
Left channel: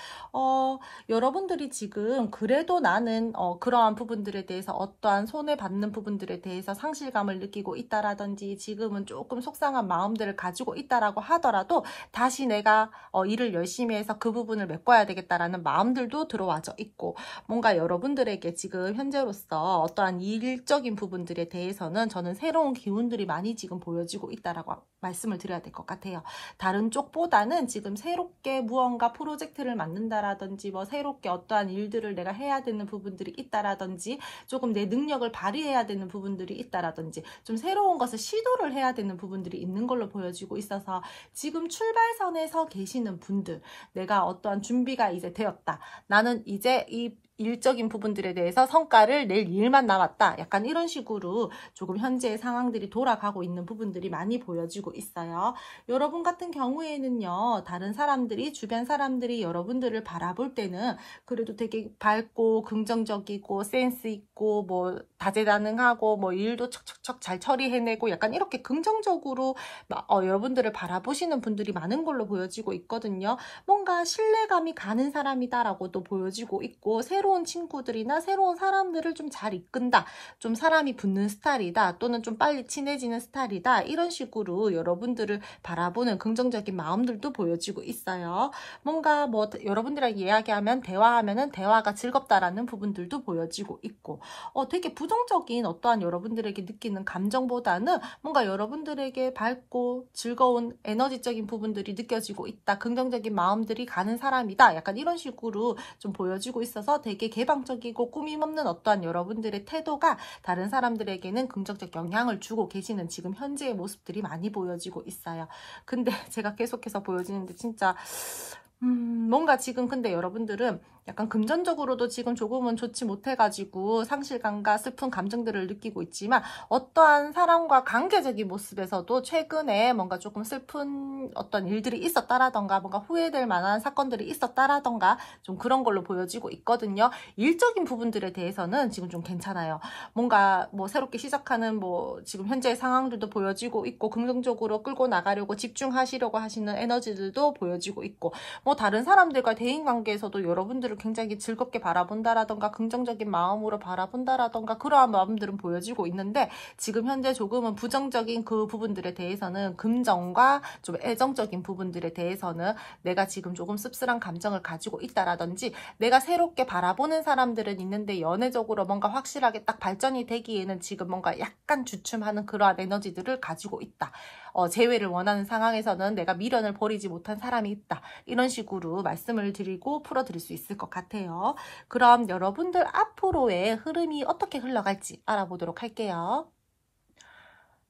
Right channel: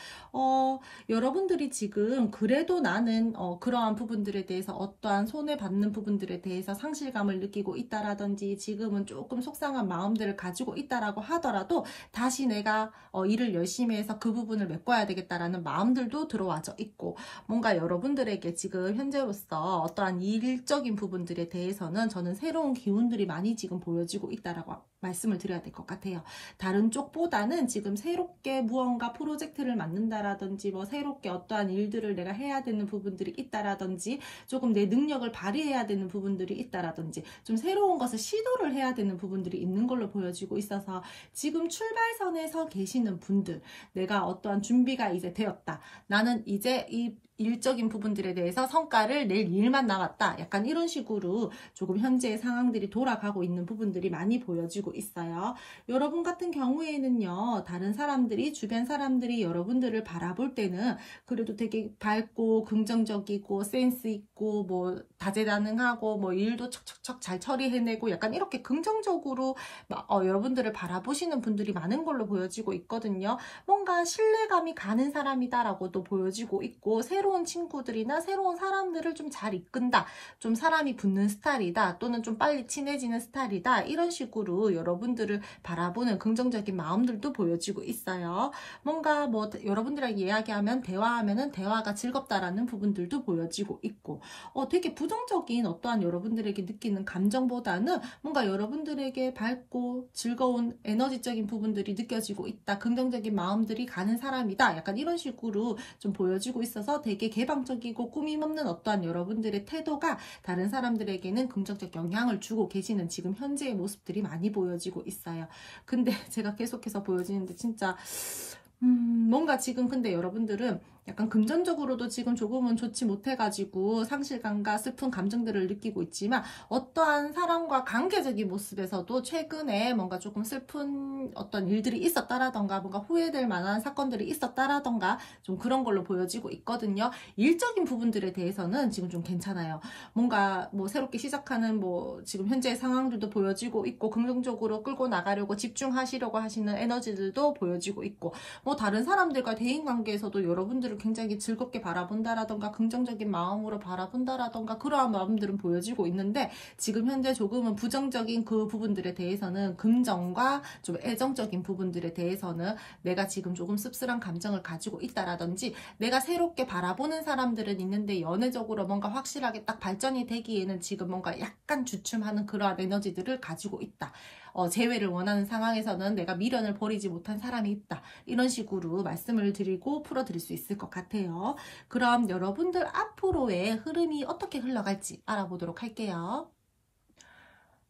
여러분들이 지금 그래도 나는 그러한 부분들에 대해서 어떠한 손해받는 부분들에 대해서 상실감을 느끼고 있다라든지 지금은 조금 속상한 마음들을 가지고 있다라고 하더라도 다시 내가 일을 열심히 해서 그 부분을 메꿔야 되겠다라는 마음들도 들어와져 있고, 뭔가 여러분들에게 지금 현재로서 어떠한 일적인 부분들에 대해서는 저는 새로운 기운들이 많이 지금 보여지고 있다라고 말씀을 드려야 될 것 같아요. 다른 쪽보다는 지금 새롭게 무언가 프로젝트를 만든다라든지 뭐 새롭게 어떠한 일들을 내가 해야 되는 부분들이 있다라든지 조금 내 능력을 발휘해야 되는 부분들이 있다라든지 좀 새로운 것을 시도를 해야 되는 부분들이 있는 걸로 보여지고 있어서 지금 출발선에서 계시는 분들, 내가 어떠한 준비가 이제 되었다, 나는 이제 이 일적인 부분들에 대해서 성과를 낼 일만 남았다, 약간 이런 식으로 조금 현재의 상황들이 돌아가고 있는 부분들이 많이 보여지고 있어요. 여러분 같은 경우에는요, 다른 사람들이, 주변 사람들이 여러분들을 바라볼 때는 그래도 되게 밝고 긍정적이고 센스 있고 뭐 다재다능하고 뭐 일도 척척척 잘 처리해내고 약간 이렇게 긍정적으로 여러분들을 바라보시는 분들이 많은 걸로 보여지고 있거든요. 뭔가 신뢰감이 가는 사람이다라고도 보여지고 있고, 새로운 친구들이나 새로운 사람들을 좀 잘 이끈다, 좀 사람이 붙는 스타일이다, 또는 좀 빨리 친해지는 스타일이다, 이런 식으로 여러분들을 바라보는 긍정적인 마음들도 보여지고 있어요. 뭔가 뭐 여러분들이랑 이야기하면 대화하면은 대화가 즐겁다라는 부분들도 보여지고 있고, 되게 부정적인 어떠한 여러분들에게 느끼는 감정보다는 뭔가 여러분들에게 밝고 즐거운 에너지적인 부분들이 느껴지고 있다, 긍정적인 마음들이 가는 사람이다, 약간 이런 식으로 좀 보여지고 있어서 되게 개방적이고 꾸밈 없는 어떠한 여러분들의 태도가 다른 사람들에게는 긍정적 영향을 주고 계시는 지금 현재의 모습들이 많이 보여지고 있어요. 근데 제가 계속해서 보여지는데 진짜 뭔가 지금 근데 여러분들은 약간 금전적으로도 지금 조금은 좋지 못해가지고 상실감과 슬픈 감정들을 느끼고 있지만, 어떠한 사람과 관계적인 모습에서도 최근에 뭔가 조금 슬픈 어떤 일들이 있었다라던가 뭔가 후회될 만한 사건들이 있었다라던가 좀 그런 걸로 보여지고 있거든요. 일적인 부분들에 대해서는 지금 좀 괜찮아요. 뭔가 뭐 새롭게 시작하는 뭐 지금 현재의 상황들도 보여지고 있고, 긍정적으로 끌고 나가려고 집중하시려고 하시는 에너지들도 보여지고 있고, 뭐 다른 사람들과 대인관계에서도 여러분들을 굉장히 즐겁게 바라본다라던가 긍정적인 마음으로 바라본다라던가 그러한 마음들은 보여지고 있는데, 지금 현재 조금은 부정적인 그 부분들에 대해서는, 긍정과 좀 애정적인 부분들에 대해서는 내가 지금 조금 씁쓸한 감정을 가지고 있다라든지, 내가 새롭게 바라보는 사람들은 있는데 연애적으로 뭔가 확실하게 딱 발전이 되기에는 지금 뭔가 약간 주춤하는 그러한 에너지들을 가지고 있다. 재회를 원하는 상황에서는 내가 미련을 버리지 못한 사람이 있다, 이런 식으로 말씀을 드리고 풀어드릴 수 있을 것 같아요. 그럼 여러분들 앞으로의 흐름이 어떻게 흘러갈지 알아보도록 할게요.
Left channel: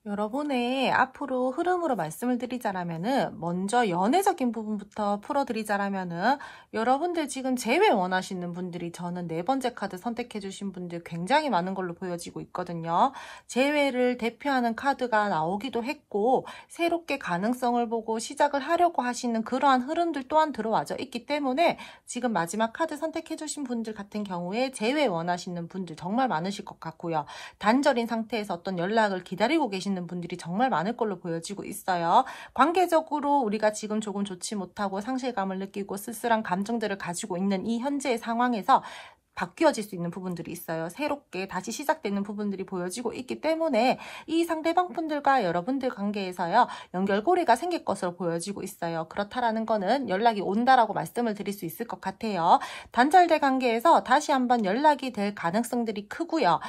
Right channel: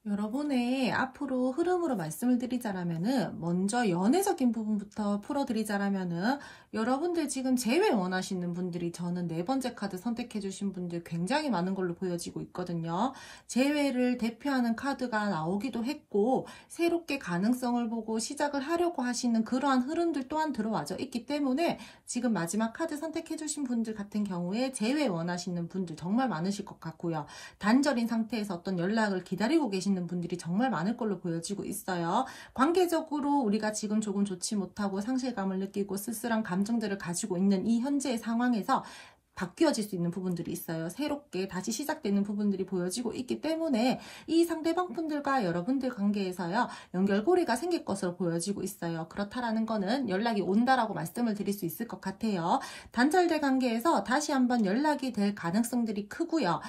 여러분의 앞으로 흐름으로 말씀을 드리자라면은, 먼저 연애적인 부분부터 풀어드리자라면은, 여러분들 지금 재회 원하시는 분들이 저는 네 번째 카드 선택해 주신 분들 굉장히 많은 걸로 보여지고 있거든요. 재회를 대표하는 카드가 나오기도 했고, 새롭게 가능성을 보고 시작을 하려고 하시는 그러한 흐름들 또한 들어와져 있기 때문에, 지금 마지막 카드 선택해 주신 분들 같은 경우에 재회 원하시는 분들 정말 많으실 것 같고요. 단절인 상태에서 어떤 연락을 기다리고 계시는 분들이 정말 많을 걸로 보여지고 있어요. 관계적으로 우리가 지금 조금 좋지 못하고 상실감을 느끼고 쓸쓸한 감정들을 가지고 있는 이 현재의 상황에서 바뀌어질 수 있는 부분들이 있어요. 새롭게 다시 시작되는 부분들이 보여지고 있기 때문에 이 상대방 분들과 여러분들 관계에서요, 연결고리가 생길 것으로 보여지고 있어요. 그렇다라는 거는 연락이 온다라고 말씀을 드릴 수 있을 것 같아요. 단절된 관계에서 다시 한번 연락이 될 가능성들이 크고요.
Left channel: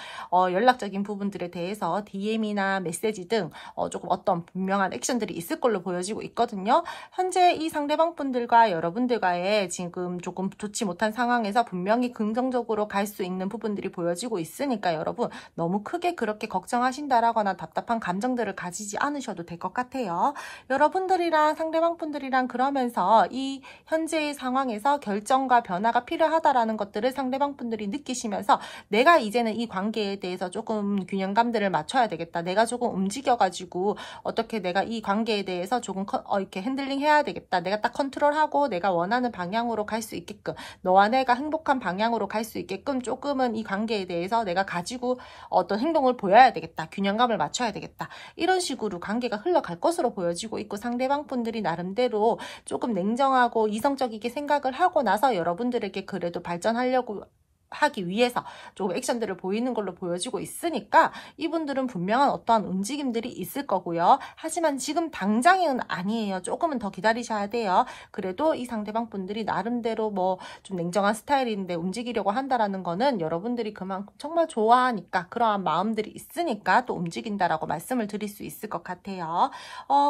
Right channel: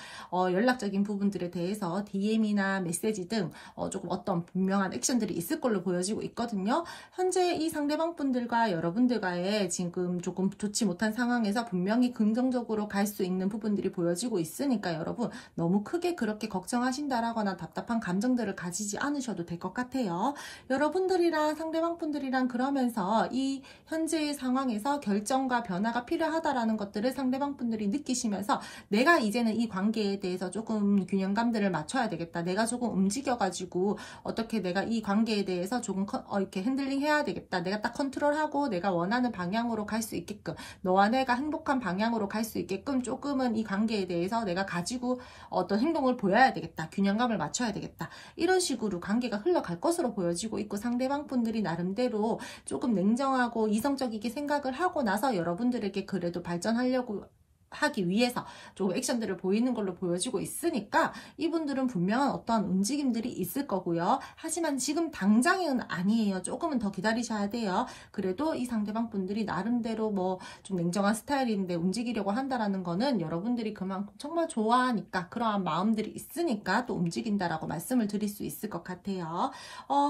연락적인 부분들에 대해서 DM이나 메시지 등 조금 어떤 분명한 액션들이 있을 걸로 보여지고 있거든요. 현재 이 상대방 분들과 여러분들과의 지금 조금 좋지 못한 상황에서 분명히 긍정적 긍정적으로 갈 수 있는 부분들이 보여지고 있으니까 여러분 너무 크게 그렇게 걱정하신다라거나 답답한 감정들을 가지지 않으셔도 될 것 같아요. 여러분들이랑 상대방 분들이랑 그러면서 이 현재의 상황에서 결정과 변화가 필요하다라는 것들을 상대방 분들이 느끼시면서 내가 이제는 이 관계에 대해서 조금 균형감들을 맞춰야 되겠다. 내가 조금 움직여가지고 어떻게 내가 이 관계에 대해서 조금 이렇게 핸들링 해야 되겠다. 내가 딱 컨트롤하고 내가 원하는 방향으로 갈 수 있게끔, 너와 내가 행복한 방향으로 갈 수 있게끔 조금은 이 관계에 대해서 내가 가지고 어떤 행동을 보여야 되겠다. 균형감을 맞춰야 되겠다. 이런 식으로 관계가 흘러갈 것으로 보여지고 있고, 상대방 분들이 나름대로 조금 냉정하고 이성적이게 생각을 하고 나서 여러분들에게 그래도 발전하려고 하기 위해서 조금 액션들을 보이는 걸로 보여지고 있으니까 이분들은 분명한 어떠한 움직임들이 있을 거고요. 하지만 지금 당장은 아니에요. 조금은 더 기다리셔야 돼요. 그래도 이 상대방 분들이 나름대로 뭐 좀 냉정한 스타일인데 움직이려고 한다라는 거는 여러분들이 그만큼 정말 좋아하니까, 그러한 마음들이 있으니까 또 움직인다라고 말씀을 드릴 수 있을 것 같아요.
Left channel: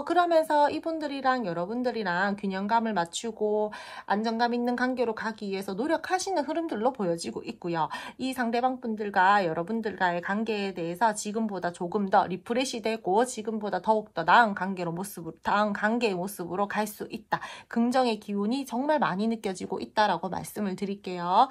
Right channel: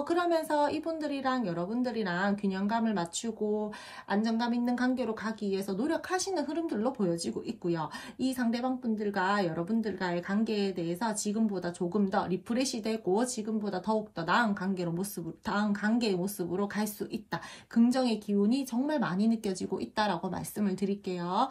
그러면서 이분들이랑 여러분들이랑 균형감을 맞추고 안정감 있는 관계로 가기 위해서 노력하시는 흐름들로 보여지고 있고요. 이 상대방 분들과 여러분들과의 관계에 대해서 지금보다 조금 더 리프레시 되고 지금보다 더욱더 나은 관계의 모습으로 갈 수 있다. 긍정의 기운이 정말 많이 느껴지고 있다라고 말씀을 드릴게요.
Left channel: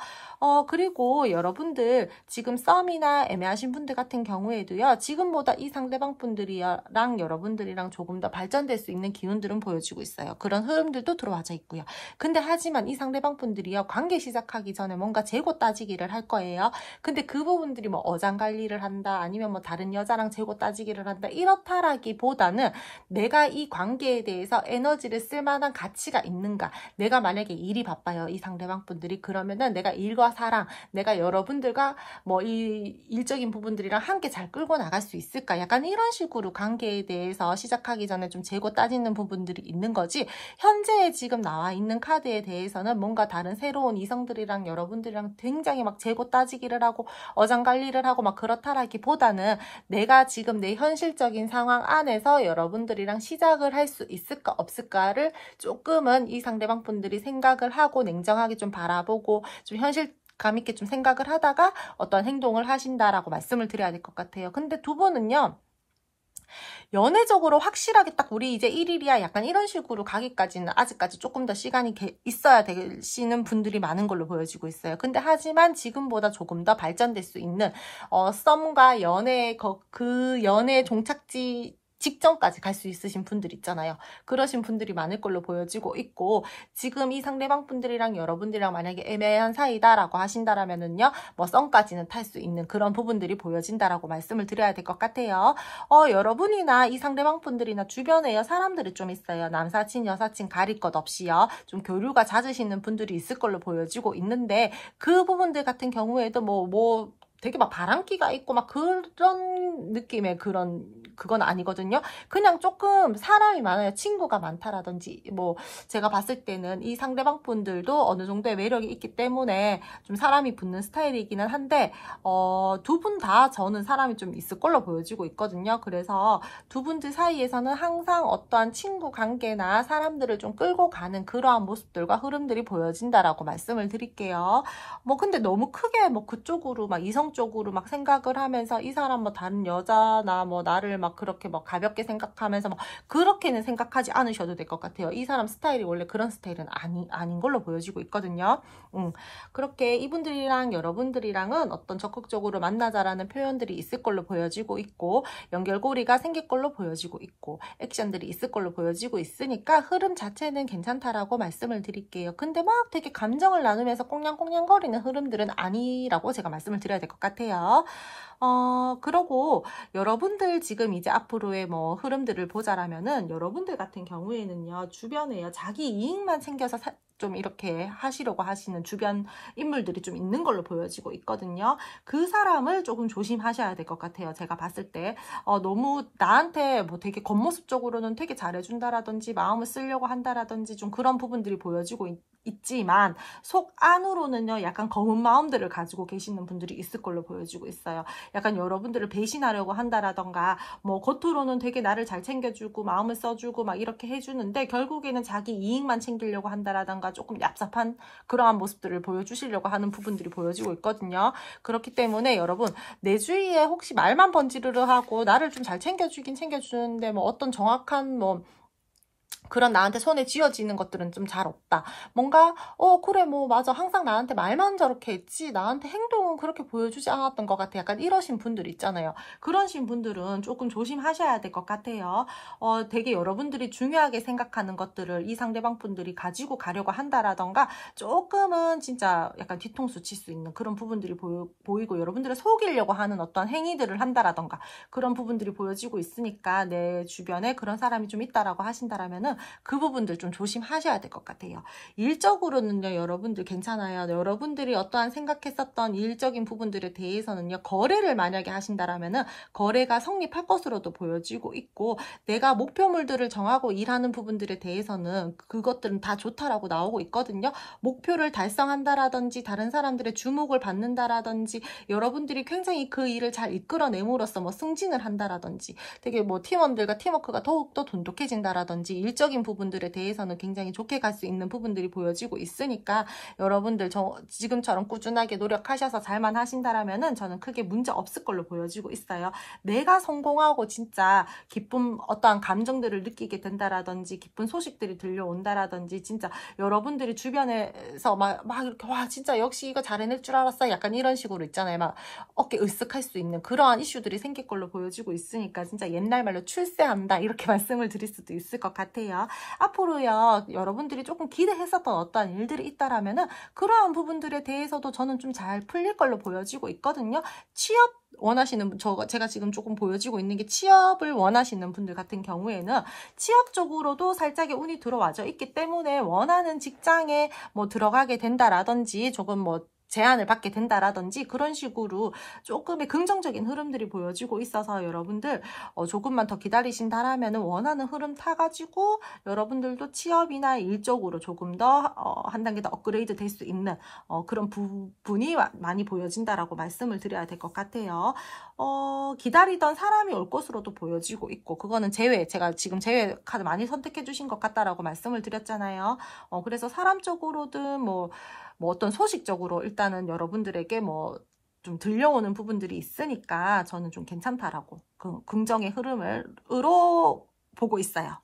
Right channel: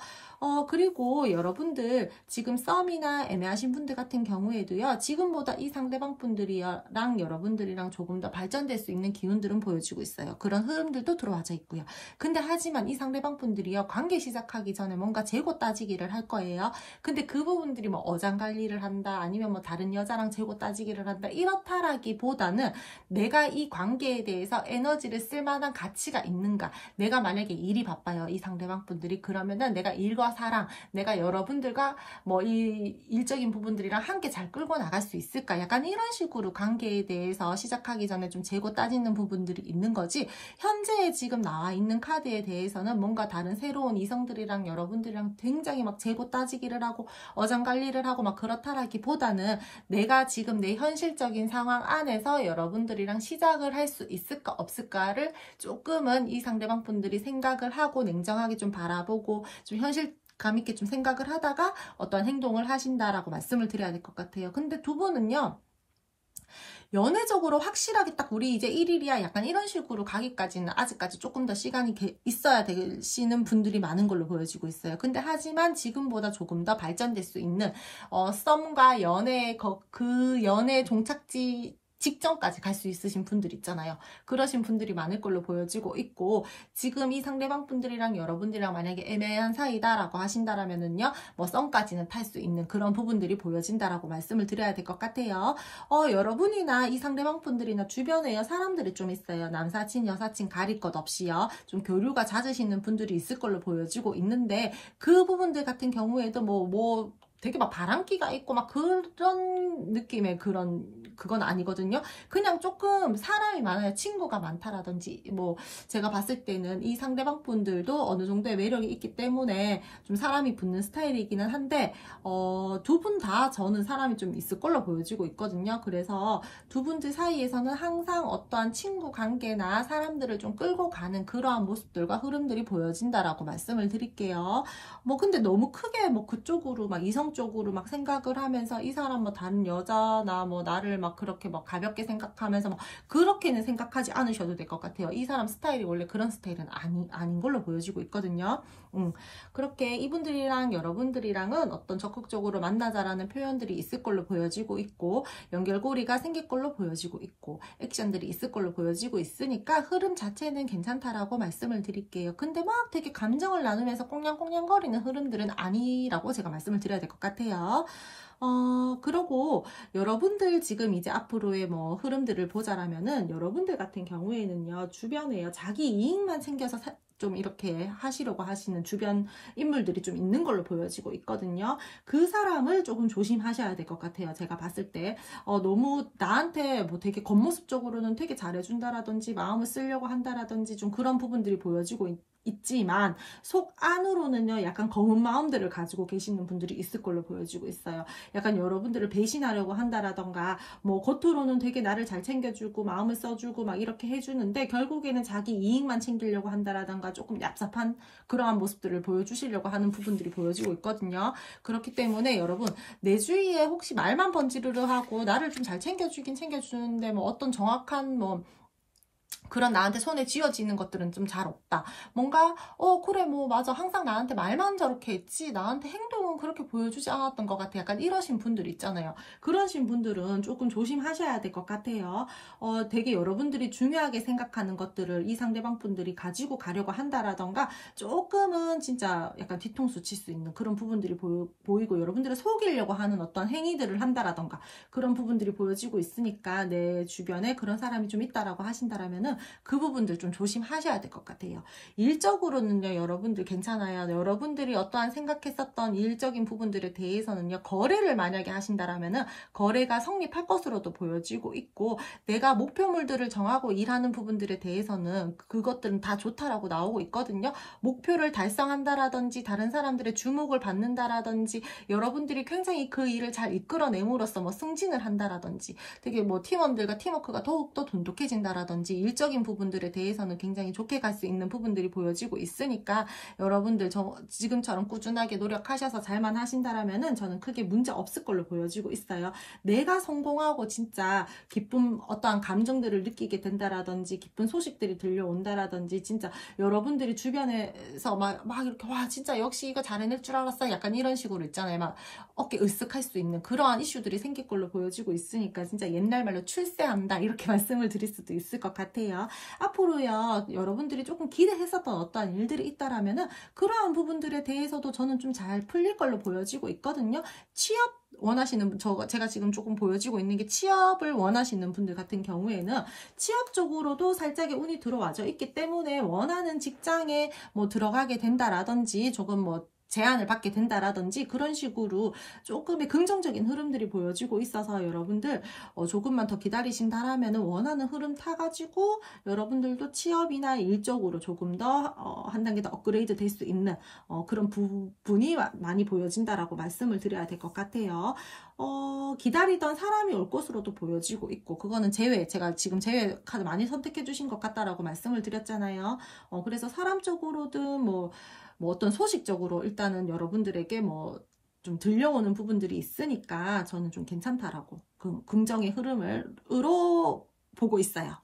그리고 여러분들 지금 썸이나 애매하신 분들 같은 경우에도요, 지금보다 이 상대방 분들이랑 여러분들이랑 조금 더 발전될 수 있는 기운들은 보여지고 있어요. 그런 흐름들도 들어와져 있고요. 근데 하지만 이 상대방 분들이요, 관계 시작하기 전에 뭔가 재고 따지기를 할 거예요. 근데 그 부분들이 뭐 어장관리를 한다, 아니면 뭐 다른 여자랑 재고 따지기를 한다, 이렇다라기보다는 내가 이 관계에 대해서 에너지를 쓸 만한 가치가 있는가. 내가 만약에 일이 바빠요, 이 상대방 분들이. 그러면은 내가 일과 사랑, 내가 여러분들과 뭐 이 일적인 부분들이랑 함께 잘 끌고 나갈 수 있을까? 약간 이런 식으로 관계에 대해서 시작하기 전에 좀 재고 따지는 부분들이 있는 거지, 현재 지금 나와 있는 카드에 대해서는 뭔가 다른 새로운 이성들이랑 여러분들이랑 굉장히 막 재고 따지기를 하고 어장관리를 하고 막 그렇다라기보다는 내가 지금 내 현실적인 상황 안에서 여러분들이랑 시작을 할 수 있을까 없을까를 조금은 이 상대방 분들이 생각을 하고 냉정하게 좀 바라보고 좀 현실감 있게 좀 생각을 하다가 어떤 행동을 하신다라고 말씀을 드려야 될 것 같아요. 근데 두 분은요, 연애적으로 확실하게 딱 우리 이제 1일이야 약간 이런 식으로 가기까지는 아직까지 조금 더 시간이 있어야 되시는 분들이 많은 걸로 보여지고 있어요. 근데 하지만 지금보다 조금 더 발전될 수 있는 썸과 연애, 그 연애 종착지 직전까지 갈 수 있으신 분들 있잖아요. 그러신 분들이 많을 걸로 보여지고 있고, 지금 이 상대방 분들이랑 여러분들이랑 만약에 애매한 사이다라고 하신다라면은요, 뭐 썸까지는 탈 수 있는 그런 부분들이 보여진다라고 말씀을 드려야 될 것 같아요. 여러분이나 이 상대방 분들이나 주변에 사람들이 좀 있어요. 남사친, 여사친 가릴 것 없이요, 좀 교류가 잦으시는 분들이 있을 걸로 보여지고 있는데, 그 부분들 같은 경우에도 되게 막 바람기가 있고 막 그런 느낌의 그건 아니거든요. 그냥 조금 사람이 많아요. 친구가 많다라든지, 뭐 제가 봤을 때는 이 상대방 분들도 어느 정도의 매력이 있기 때문에 좀 사람이 붙는 스타일이기는 한데, 두 분 다 저는 사람이 좀 있을 걸로 보여지고 있거든요. 그래서 두 분들 사이에서는 항상 어떠한 친구 관계나 사람들을 좀 끌고 가는 그러한 모습들과 흐름들이 보여진다라고 말씀을 드릴게요. 근데 너무 크게 그쪽으로 막 이성적으로 막 생각을 하면서 이 사람 뭐 다른 여자나 뭐 나를 막 그렇게 막 가볍게 생각하면서 막 그렇게는 생각하지 않으셔도 될 것 같아요. 이 사람 스타일이 원래 그런 스타일은 아닌 걸로 보여지고 있거든요. 그렇게 이분들이랑 여러분들이랑은 어떤 적극적으로 만나자라는 표현들이 있을 걸로 보여지고 있고, 연결고리가 생길 걸로 보여지고 있고, 액션들이 있을 걸로 보여지고 있으니까 흐름 자체는 괜찮다라고 말씀을 드릴게요. 근데 막 되게 감정을 나누면서 꽁냥꽁냥거리는 흐름들은 아니라고 제가 말씀을 드려야 될 것 같아요. 그러고 여러분들 지금 이제 앞으로의 뭐 흐름들을 보자라면은, 여러분들 같은 경우에는요, 주변에요, 자기 이익만 챙겨서 좀 이렇게 하시려고 하시는 주변 인물들이 좀 있는 걸로 보여지고 있거든요. 그 사람을 조금 조심하셔야 될 것 같아요. 제가 봤을 때 너무 나한테 뭐 되게 겉모습적으로는 되게 잘해준다라든지 마음을 쓰려고 한다라든지 좀 그런 부분들이 보여지고 있지만 속 안으로는요, 약간 검은 마음들을 가지고 계시는 분들이 있을 걸로 보여지고 있어요. 약간 여러분들을 배신하려고 한다라던가, 뭐 겉으로는 되게 나를 잘 챙겨주고 마음을 써주고 막 이렇게 해주는데 결국에는 자기 이익만 챙기려고 한다라던가, 있다라던가 조금 얍삽한 그러한 모습들을 보여주시려고 하는 부분들이 보여지고 있거든요. 그렇기 때문에 여러분, 내 주위에 혹시 말만 번지르르 하고 나를 좀 잘 챙겨주긴 챙겨주는데 뭐 어떤 정확한 뭐 그런 나한테 손에 쥐어지는 것들은 좀 잘 없다. 뭔가 그래 뭐 맞아, 항상 나한테 말만 저렇게 했지 나한테 행동은 그렇게 보여주지 않았던 것 같아. 약간 이러신 분들 있잖아요. 그러신 분들은 조금 조심하셔야 될 것 같아요. 되게 여러분들이 중요하게 생각하는 것들을 이 상대방 분들이 가지고 가려고 한다라던가 조금은 진짜 약간 뒤통수 칠 수 있는 그런 부분들이 보이고 여러분들을 속이려고 하는 어떤 행위들을 한다라던가 그런 부분들이 보여지고 있으니까 내 주변에 그런 사람이 좀 있다라고 하신다라면은 그 부분들 좀 조심하셔야 될 것 같아요. 일적으로는요, 여러분들 괜찮아요. 여러분들이 어떠한 생각했었던 일적인 부분들에 대해서는요, 거래를 만약에 하신다라면은 거래가 성립할 것으로도 보여지고 있고, 내가 목표물들을 정하고 일하는 부분들에 대해서는 그것들은 다 좋다라고 나오고 있거든요. 목표를 달성한다라든지 다른 사람들의 주목을 받는다라든지 여러분들이 굉장히 그 일을 잘 이끌어내므로써 뭐 승진을 한다라든지 되게 뭐 팀원들과 팀워크가 더욱더 돈독해진다라든지 일적인 부분들에 대해서는 굉장히 좋게 갈 수 있는 부분들이 보여지고 있으니까 여러분들 지금처럼 꾸준하게 노력하셔서 잘만 하신다라면은 저는 크게 문제 없을 걸로 보여지고 있어요. 내가 성공하고 진짜 기쁨, 어떠한 감정들을 느끼게 된다라든지 기쁜 소식들이 들려온다라든지 진짜 여러분들이 주변에서 막 이렇게 와 진짜 역시 이거 잘 해낼 줄 알았어 약간 이런 식으로 있잖아요. 막 어깨 으쓱할 수 있는 그러한 이슈들이 생길 걸로 보여지고 있으니까 진짜 옛날 말로 출세한다 이렇게 말씀을 드릴 수도 있을 것 같아요. 앞으로요, 여러분들이 조금 기대했었던 어떠한 일들이 있다라면은 그러한 부분들에 대해서도 저는 좀 잘 풀릴 걸로 보여지고 있거든요. 취업 원하시는 분, 제가 지금 조금 보여지고 있는 게 취업을 원하시는 분들 같은 경우에는 취업 쪽으로도 살짝의 운이 들어와져 있기 때문에 원하는 직장에 뭐 들어가게 된다라든지 조금 뭐 제안을 받게 된다라든지 그런 식으로 조금의 긍정적인 흐름들이 보여지고 있어서 여러분들 조금만 더 기다리신다라면 원하는 흐름 타가지고 여러분들도 취업이나 일적으로 조금 더 한 단계 더 업그레이드 될 수 있는 그런 부분이 많이 보여진다라고 말씀을 드려야 될 것 같아요. 기다리던 사람이 올 것으로도 보여지고 있고 그거는 제가 지금 제외 카드 많이 선택해 주신 것 같다라고 말씀을 드렸잖아요. 그래서 사람 쪽으로든 뭐 어떤 소식적으로 일단은 여러분들에게 뭐 좀 들려오는 부분들이 있으니까 저는 좀 괜찮다라고 긍정의 흐름으로 보고 있어요.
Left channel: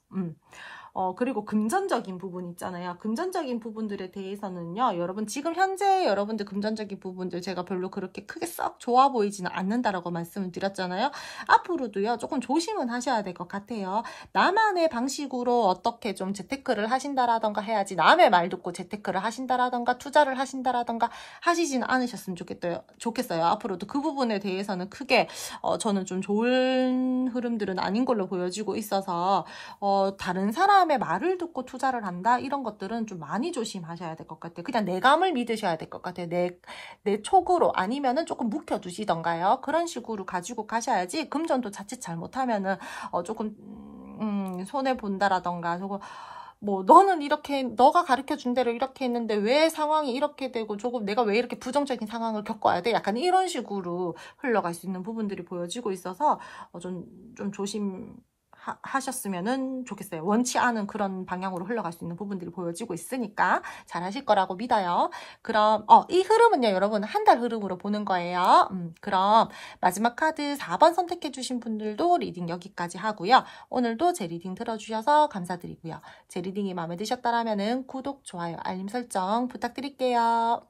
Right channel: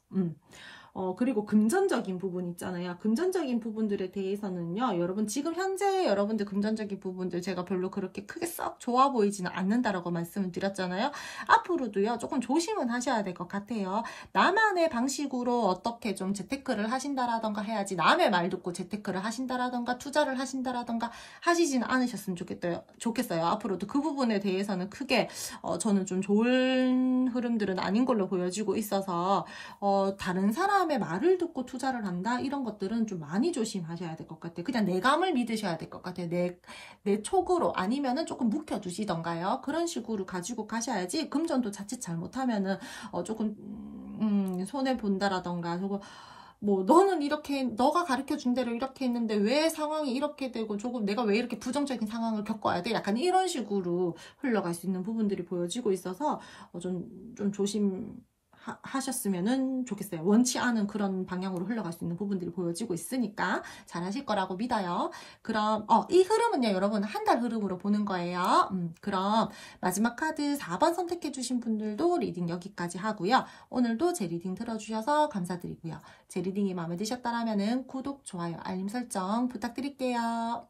그리고 금전적인 부분 있잖아요. 금전적인 부분들에 대해서는요. 여러분 지금 현재 여러분들 금전적인 부분들 제가 별로 그렇게 크게 썩 좋아 보이지는 않는다라고 말씀을 드렸잖아요. 앞으로도요. 조금 조심은 하셔야 될 것 같아요. 나만의 방식으로 어떻게 좀 재테크를 하신다라던가 해야지 남의 말 듣고 재테크를 하신다라던가 투자를 하신다라던가 하시지는 않으셨으면 좋겠어요. 앞으로도 그 부분에 대해서는 크게 저는 좀 좋은 흐름들은 아닌 걸로 보여지고 있어서 다른 사람의 말을 듣고 투자를 한다 이런 것들은 좀 많이 조심하셔야 될 것 같아요. 그냥 내 감을 믿으셔야 될 것 같아요. 내 촉으로 아니면은 조금 묵혀두시던가요. 그런 식으로 가지고 가셔야지 금전도 자칫 잘못하면은 조금 손해 본다라던가 조금 뭐 너는 이렇게 너가 가르쳐준 대로 이렇게 했는데 왜 상황이 이렇게 되고 조금 내가 왜 이렇게 부정적인 상황을 겪어야 돼? 약간 이런 식으로 흘러갈 수 있는 부분들이 보여지고 있어서 좀 조심 하셨으면 좋겠어요. 원치 않은 그런 방향으로 흘러갈 수 있는 부분들이 보여지고 있으니까 잘 하실 거라고 믿어요. 그럼 이 흐름은요 여러분 한 달 흐름으로 보는 거예요. 그럼 마지막 카드 4번 선택해 주신 분들도 리딩 여기까지 하고요. 오늘도 제 리딩 들어주셔서 감사드리고요. 제 리딩이 마음에 드셨다면 구독, 좋아요, 알림 설정 부탁드릴게요.